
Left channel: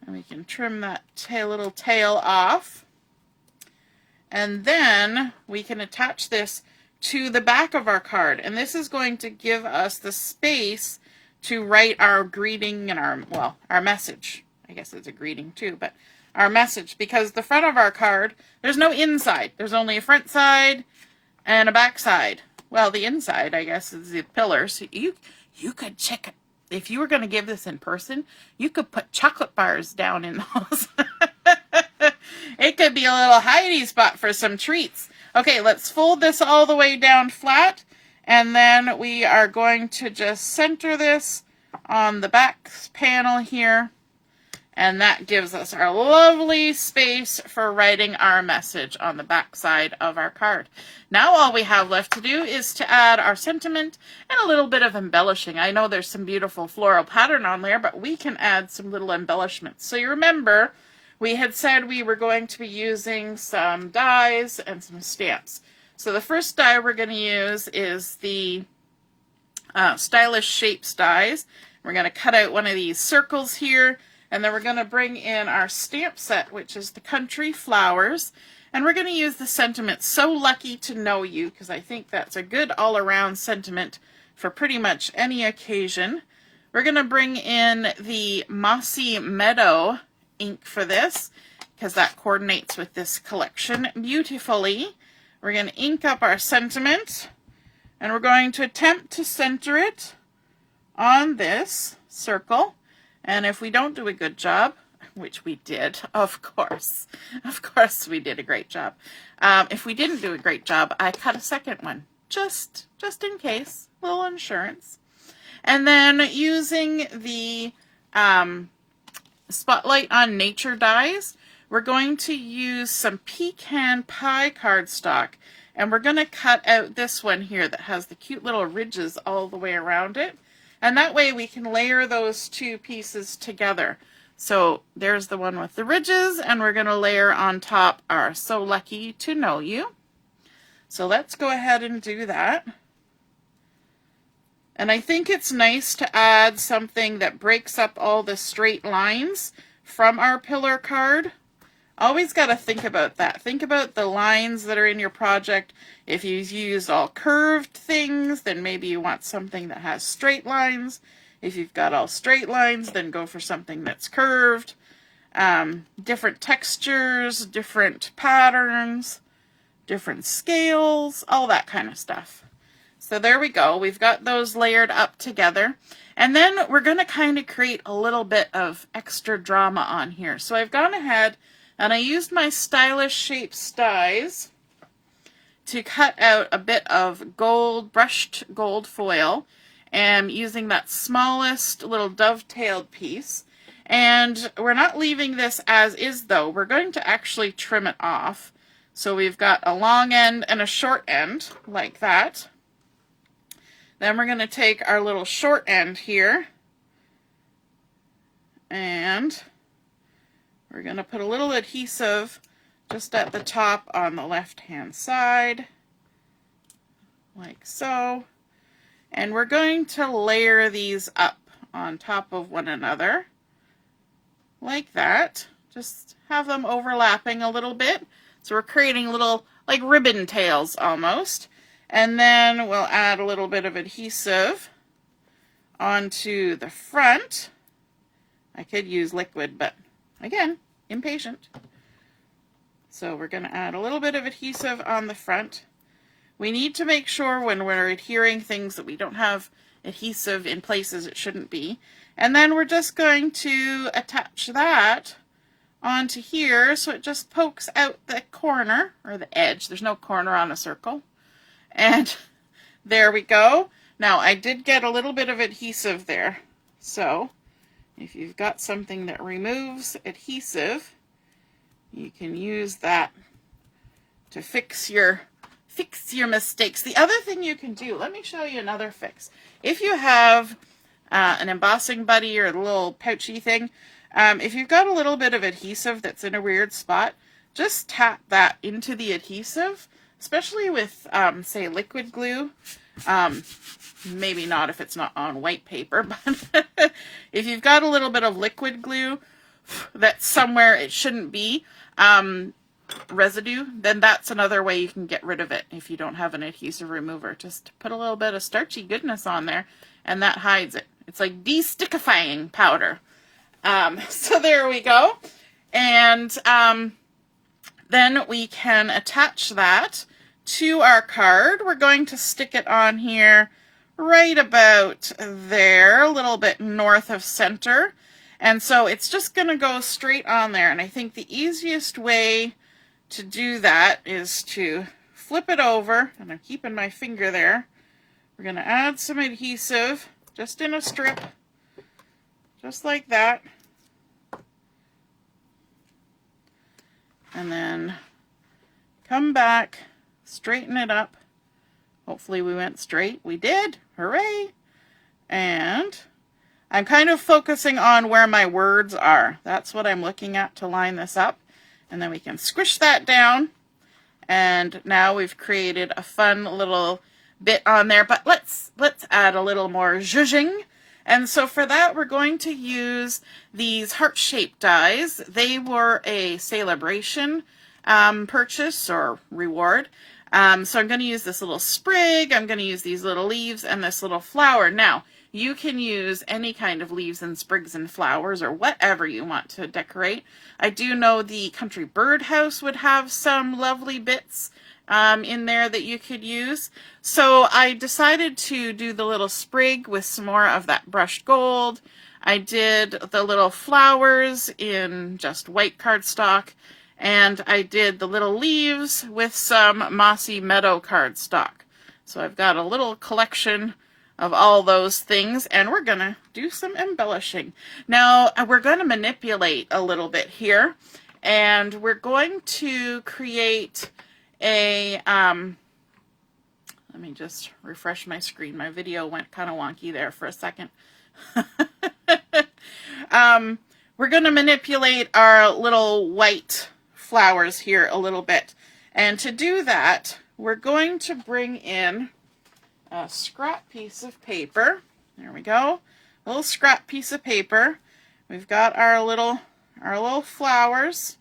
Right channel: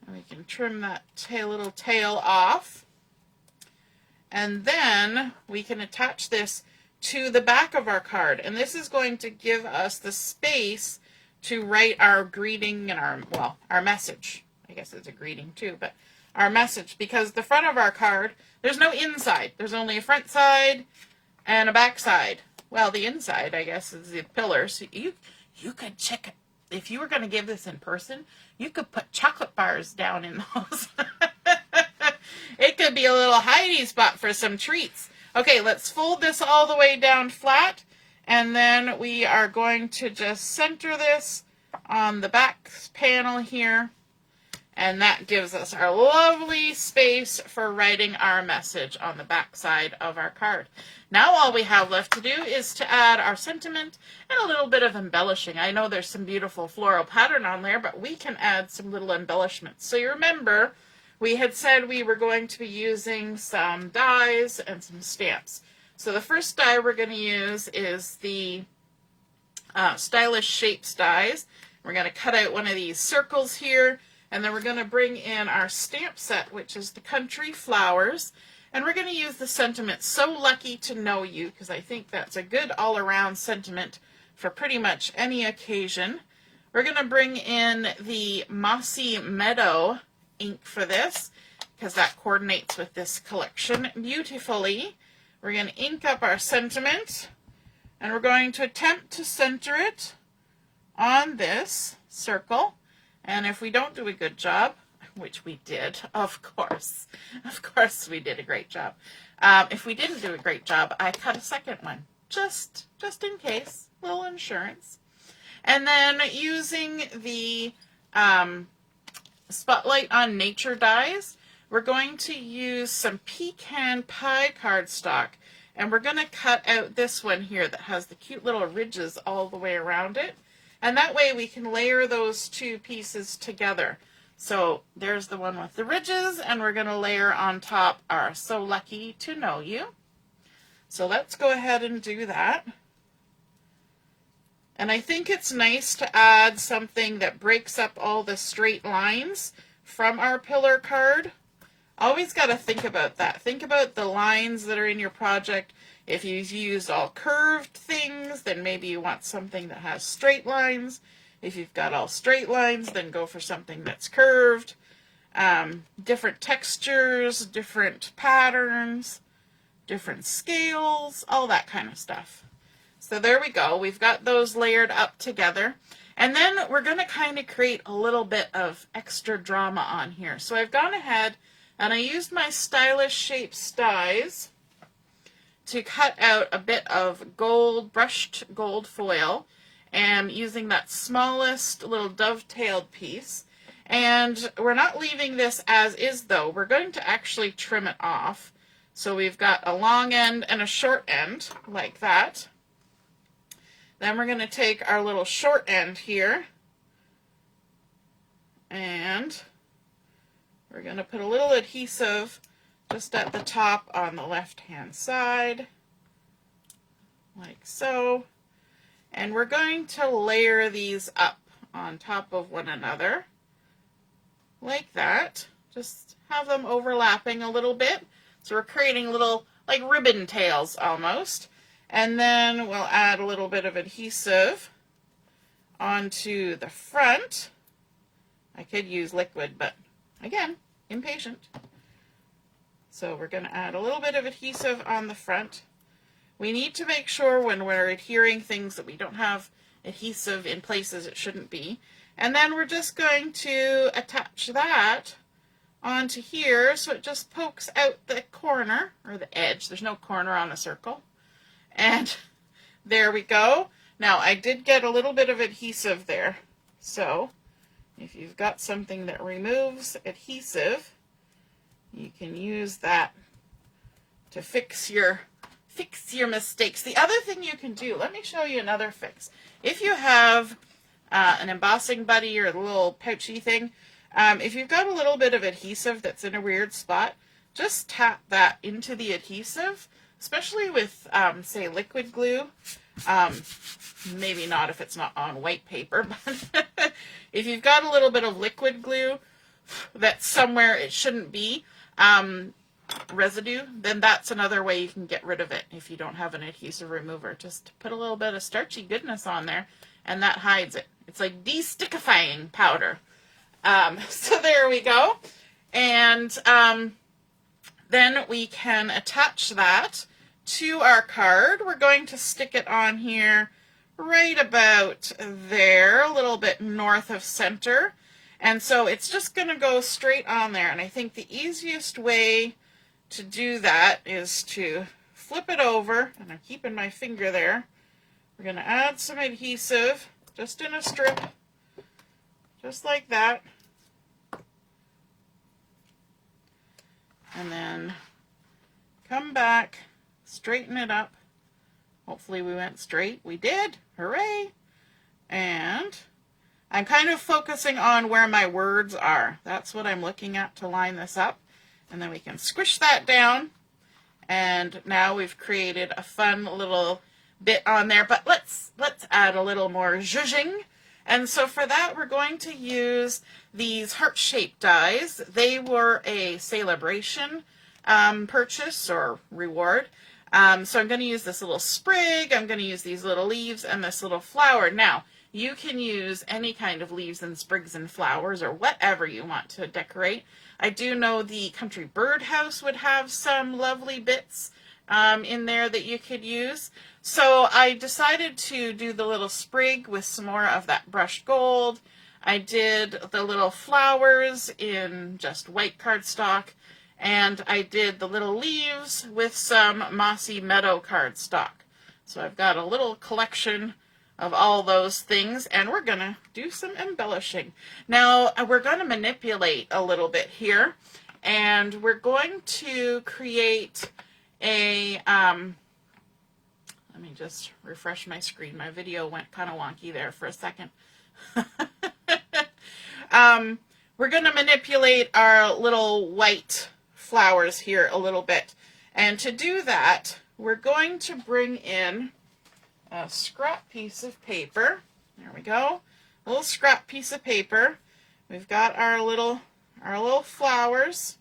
and we can trim that little tail off. And then we can attach this to the back of our card, and this is going to give us the space to write our greeting and our message. I guess it's a greeting too, but our message, because the front of our card, there's no inside. There's only a front side and a back side. Well, the inside, I guess, is the pillars. You could check it. If you were going to give this in person, you could put chocolate bars down in those. It could be a little hiding spot for some treats. Okay, let's fold this all the way down flat, and then we are going to just center this on the back panel here, and that gives us our lovely space for writing our message on the back side of our card. Now all we have left to do is to add our sentiment and a little bit of embellishing. I know there's some beautiful floral pattern on there, but we can add some little embellishments. So you remember, we had said we were going to be using some dies and some stamps. So the first die we're going to use is the Stylish Shapes dies. We're going to cut out one of these circles here, and then we're going to bring in our stamp set, which is the Country Flowers. And we're going to use the sentiment, So Lucky to Know You, because I think that's a good all-around sentiment for pretty much any occasion. We're going to bring in the Mossy Meadow ink for this, because that coordinates with this collection beautifully. We're going to ink up our sentiment, and we're going to attempt to center it on this circle. And if we don't do a good job, which we did, of course we did a great job. If we didn't do a great job, I cut a second one, just in case, a little insurance. And then using the Spotlight on Nature dies, we're going to use some Pecan Pie cardstock, and we're going to cut out this one here that has the cute little ridges all the way around it, and that way we can layer those two pieces together. So there's the one with the ridges, and we're going to layer on top our So Lucky to Know You. So let's go ahead and do that. And I think it's nice to add something that breaks up all the straight lines from our pillar card. Always got to think about that. Think about the lines that are in your project. If you've used all curved things, then maybe you want something that has straight lines. If you've got all straight lines, then go for something that's curved. Different textures, different patterns, different scales, all that kind of stuff. So there we go. We've got those layered up together. And then we're going to kind of create a little bit of extra drama on here. So I've gone ahead and I used my Stylish Shapes dies to cut out a bit of gold, brushed gold foil, and using that smallest little dovetailed piece. And we're not leaving this as is though. We're going to actually trim it off. So we've got a long end and a short end like that. Then we're going to take our little short end here, and we're going to put a little adhesive just at the top on the left-hand side, like so. And we're going to layer these up on top of one another, like that. Just have them overlapping a little bit. So we're creating little, like ribbon tails almost. And then we'll add a little bit of adhesive onto the front. I could use liquid, but again, impatient. So we're going to add a little bit of adhesive on the front. We need to make sure when we're adhering things that we don't have adhesive in places it shouldn't be. And then we're just going to attach that onto here so it just pokes out the corner, or the edge. There's no corner on a circle. And there we go. Now I did get a little bit of adhesive there. So if you've got something that removes adhesive, you can use that to fix your mistakes. The other thing you can do, let me show you another fix. If you have an embossing buddy or a little pouchy thing, if you've got a little bit of adhesive that's in a weird spot, just tap that into the adhesive, especially with, say, liquid glue. Maybe not if it's not on white paper, but if you've got a little bit of liquid glue that's somewhere it shouldn't be, residue, then that's another way you can get rid of it if you don't have an adhesive remover. Just put a little bit of starchy goodness on there, and that hides it. It's like de-stickifying powder. So there we go. And then we can attach that to our card. We're going to stick it on here right about there, a little bit north of center. And so it's just going to go straight on there. And I think the easiest way to do that is to flip it over, and I'm keeping my finger there. We're going to add some adhesive just in a strip, just like that. And then come back, straighten it up. Hopefully we went straight. We did. Hooray! And I'm kind of focusing on where my words are. That's what I'm looking at to line this up. And then we can squish that down. And now we've created a fun little bit on there. But let's add a little more zhuzhing. And so for that, we're going to use these heart-shaped dies. They were a Sale-A-Bration purchase or reward. So I'm going to use this little sprig, I'm going to use these little leaves, and this little flower. Now, you can use any kind of leaves and sprigs and flowers or whatever you want to decorate. I do know the Country Birdhouse would have some lovely bits in there that you could use. So I decided to do the little sprig with some more of that brushed gold. I did the little flowers in just white cardstock, and I did the little leaves with some Mossy Meadow cardstock. So I've got a little collection of all those things, and we're going to do some embellishing. Now, we're going to manipulate a little bit here, and we're going to create a, let me just refresh my screen. My video went kind of wonky there for a second. We're going to manipulate our little white flowers here a little bit. And to do that, we're going to bring in a scrap piece of paper. There we go. A little scrap piece of paper. We've got our little flowers.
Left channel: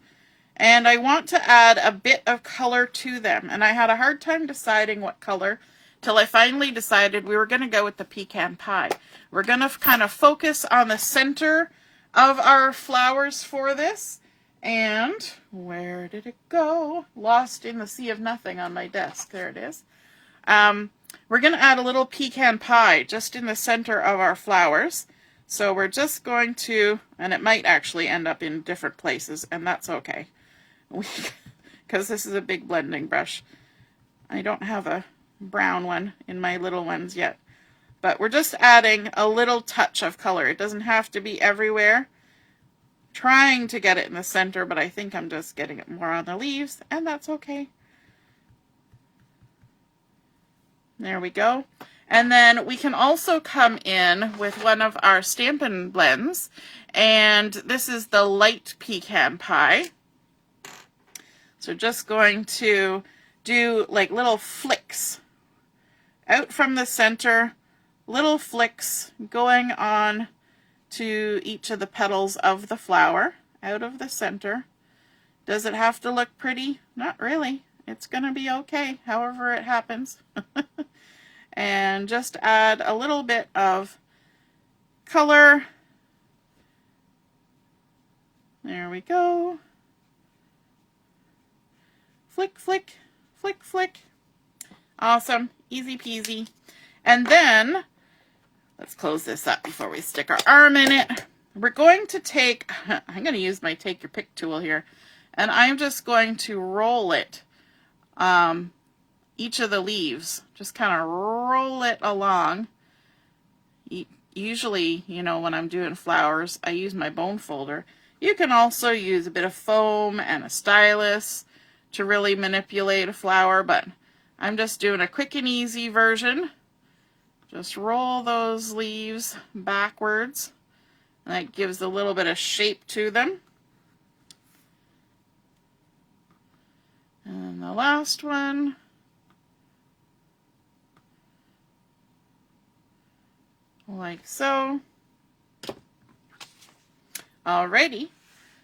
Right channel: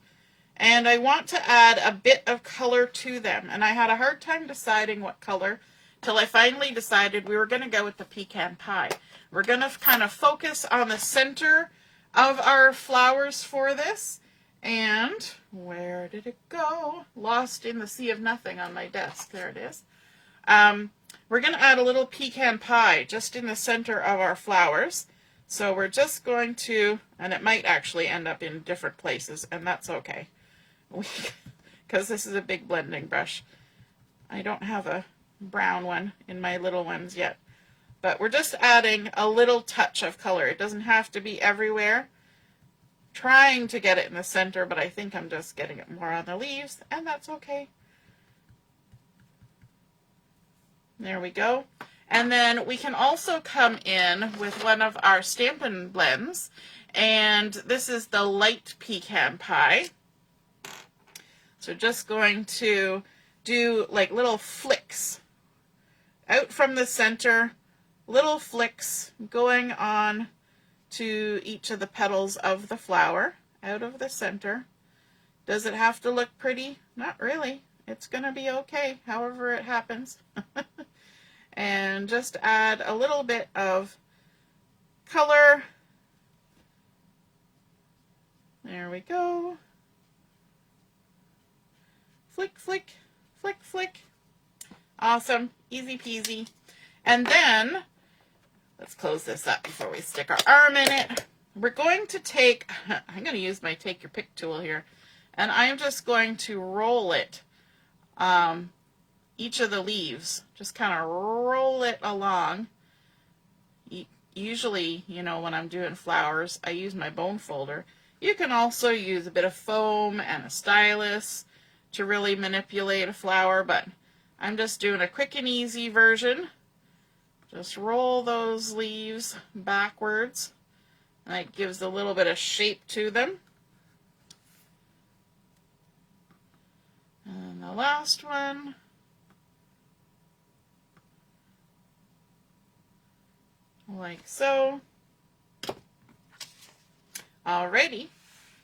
And I want to add a bit of color to them. And I had a hard time deciding what color till I finally decided we were going to go with the Pecan Pie. We're going to kind of focus on the center of our flowers for this. And where did it go? Lost in the sea of nothing on my desk. There it is. We're going to add a little pecan pie just in the center of our flowers. So we're just going to, and it might actually end up in different places, and that's okay. Because this is a big blending brush. I don't have a brown one in my little ones yet. But we're just adding a little touch of color. It doesn't have to be everywhere. Trying to get it in the center, but I think I'm just getting it more on the leaves, and that's okay. There we go. And then we can also come in with one of our Stampin' blends, and this is the light pecan pie. So just going to do like little flicks out from the center, little flicks going on to each of the petals of the flower out of the center. Does it have to look pretty? Not really. It's going to be okay, however it happens. And just add a little bit of color. There we go. Flick, flick, flick, flick. Awesome. Easy peasy. And then, let's close this up before we stick our arm in it. We're going to take, I'm going to use my take your pick tool here, and I'm just going to roll it, each of the leaves. Just kind of roll it along. Usually, you know, when I'm doing flowers, I use my bone folder. You can also use a bit of foam and a stylus to really manipulate a flower, but I'm just doing a quick and easy version. Just roll those leaves backwards. That gives a little bit of shape to them. And the last one. Like so. Alrighty.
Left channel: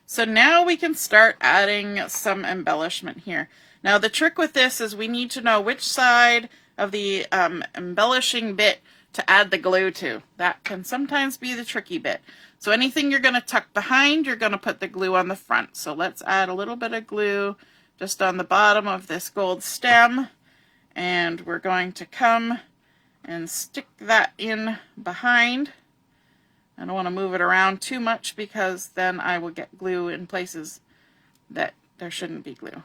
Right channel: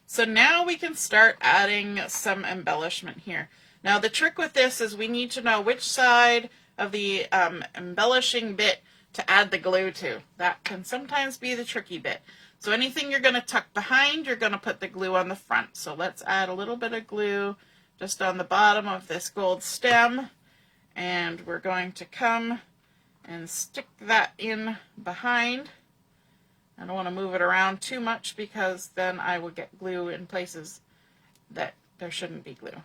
So now we can start adding some embellishment here. Now the trick with this is we need to know which side of the embellishing bit to add the glue to. That can sometimes be the tricky bit. So anything you're going to tuck behind, you're going to put the glue on the front. So let's add a little bit of glue just on the bottom of this gold stem. And we're going to come and stick that in behind. I don't want to move it around too much because then I will get glue in places that there shouldn't be glue.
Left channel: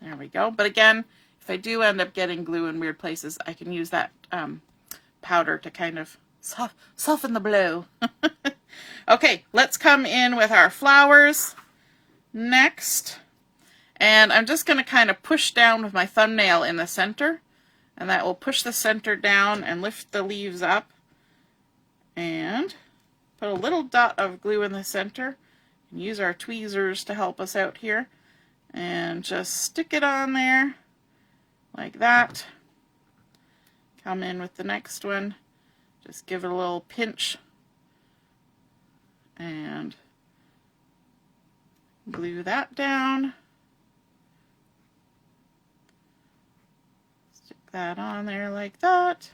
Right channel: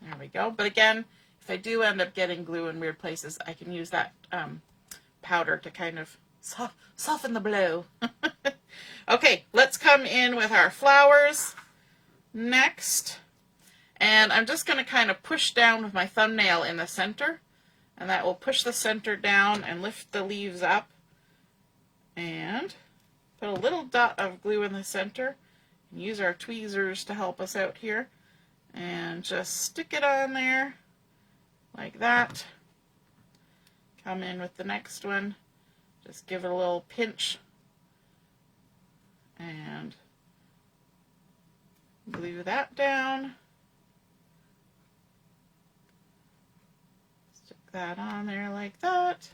There we go. But again, if I do end up getting glue in weird places, I can use that powder to kind of soften the blow. Okay, let's come in with our flowers next. And I'm just going to kind of push down with my thumbnail in the center. And that will push the center down and lift the leaves up. And put a little dot of glue in the center. And use our tweezers to help us out here. And just stick it on there like that. Come in with the next one. Just give it a little pinch. And glue that down. Stick that on there like that.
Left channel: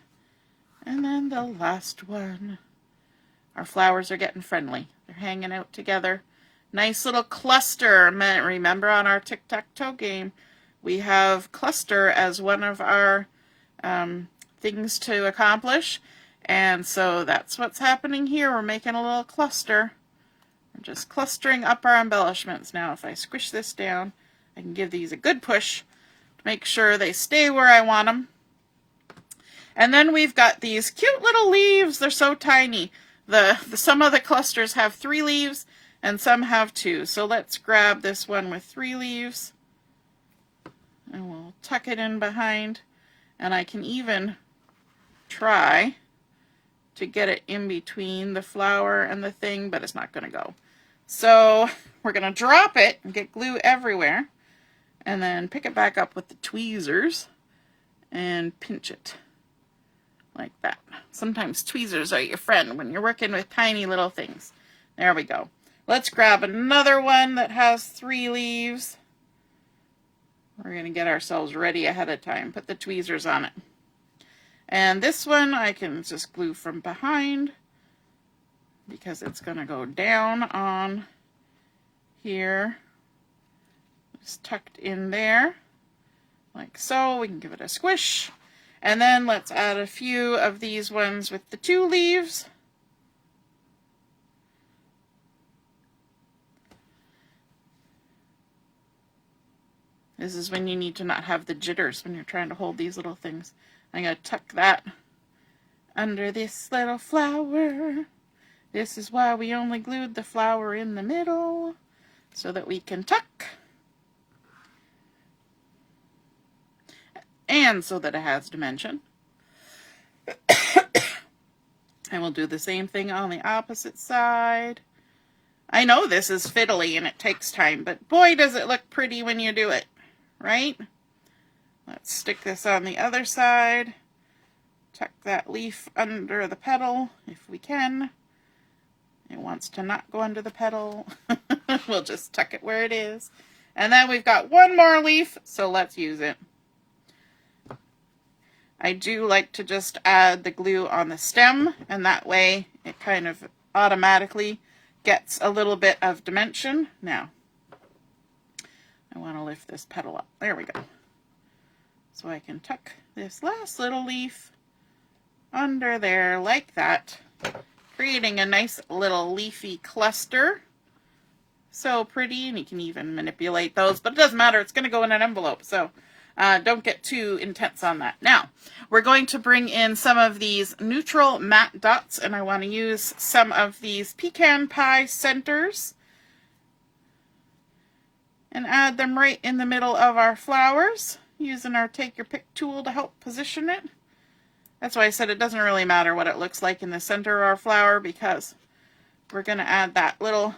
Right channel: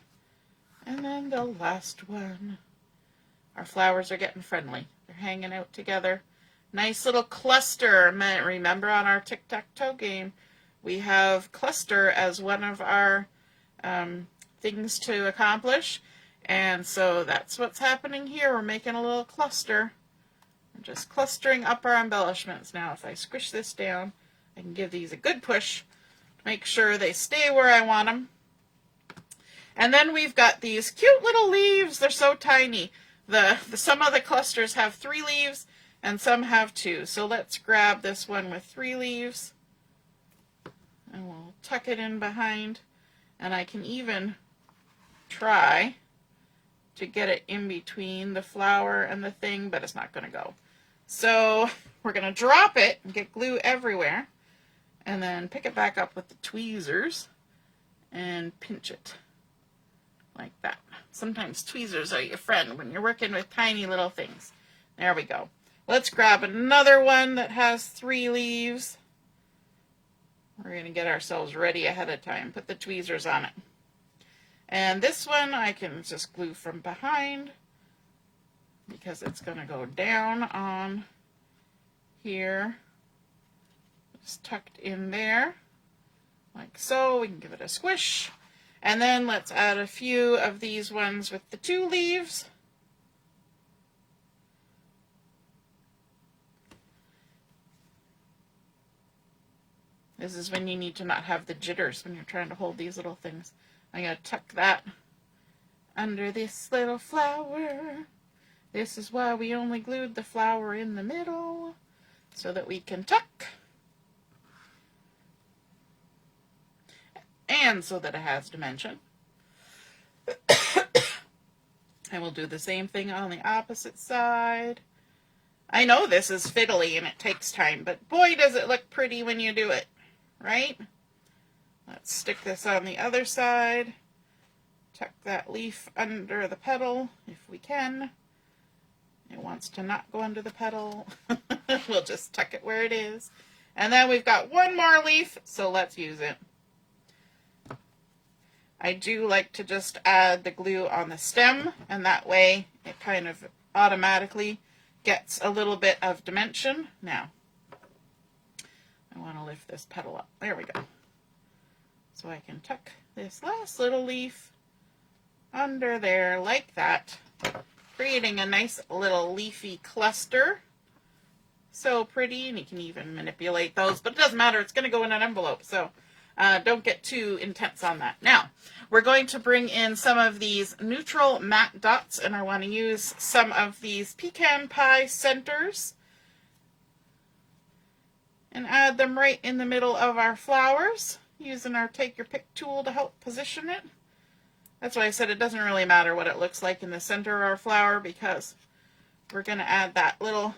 And then the last one. Our flowers are getting friendly. They're hanging out together. Nice little cluster. Remember on our tic-tac-toe game, we have cluster as one of our things to accomplish. And so that's what's happening here. We're making a little cluster. I'm just clustering up our embellishments. Now if I squish this down, I can give these a good push to make sure they stay where I want them. And then we've got these cute little leaves. They're so tiny. Some of the clusters have 3 leaves and some have 2. So let's grab this one with 3 leaves. And we'll tuck it in behind. And I can even try to get it in between the flower and the thing, but it's not going to go. So we're going to drop it and get glue everywhere. And then pick it back up with the tweezers and pinch it. Like that. Sometimes tweezers are your friend when you're working with tiny little things. There we go. Let's grab another one that has 3 leaves. We're going to get ourselves ready ahead of time. Put the tweezers on it. And this one I can just glue from behind because it's going to go down on here. Just tucked in there like so. We can give it a squish. And then let's add a few of these ones with the 2 leaves. This is when you need to not have the jitters when you're trying to hold these little things. I'm going to tuck that under this little flower. This is why we only glued the flower in the middle, so that we can tuck. And so that it has dimension. I will do the same thing on the opposite side. I know this is fiddly and it takes time, but boy does it look pretty when you do it, right? Let's stick this on the other side. tuck that leaf under the petal if we can. It wants to not go under the petal. We'll just tuck it where it is. And then we've got one more leaf, so let's use it. I do like to just add the glue on the stem, and that way it kind of automatically gets a little bit of dimension. Now, I want to lift this petal up. There we go. So I can tuck this last little leaf under there like that, creating a nice little leafy cluster. So pretty, and you can even manipulate those, but it doesn't matter. It's going to go in an envelope, so don't get too intense on that. Now, we're going to bring in some of these neutral matte dots, and I want to use some of these Pecan Pie centers and add them right in the middle of our flowers, using our Take Your Pick tool to help position it. That's why I said it doesn't really matter what it looks like in the center of our flower, because we're going to add that little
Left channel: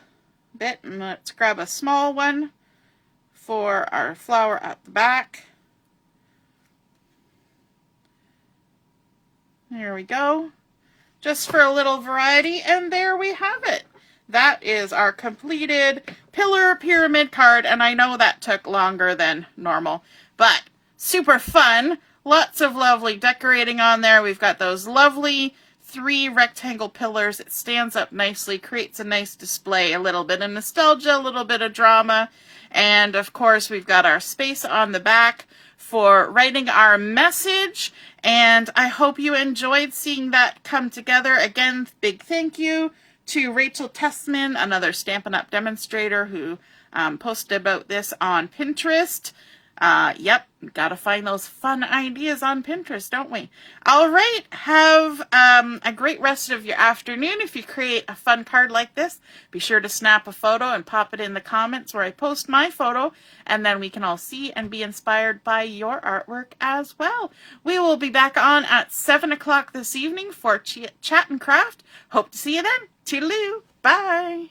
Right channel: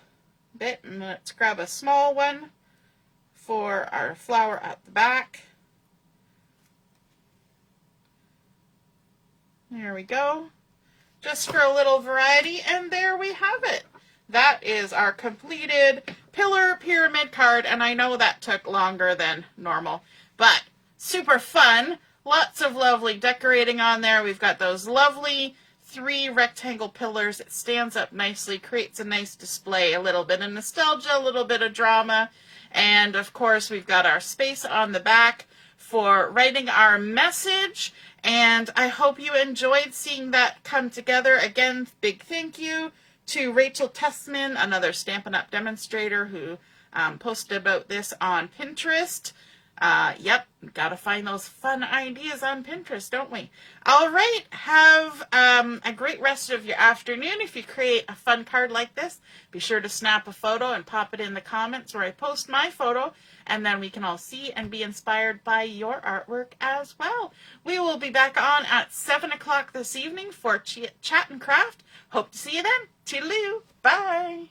bit. And let's grab a small one for our flower at the back. There we go. Just for a little variety, and there we have it. That is our completed pillar pyramid card, and I know that took longer than normal, but super fun. Lots of lovely decorating on there. We've got those lovely 3 rectangle pillars. It stands up nicely, creates a nice display, a little bit of nostalgia, a little bit of drama, and of course we've got our space on the back for writing our message, and I hope you enjoyed seeing that come together. Again, big thank you to Rachel Tessman, another Stampin' Up! Demonstrator, who posted about this on Pinterest. Yep, gotta find those fun ideas on Pinterest, don't we? All right, have a great rest of your afternoon. If you create a fun card like this, be sure to snap a photo and pop it in the comments where I post my photo, and then we can all see and be inspired by your artwork as well. We will be back on at 7 o'clock this evening for Chat and Craft. Hope to see you then. Toodaloo. Bye.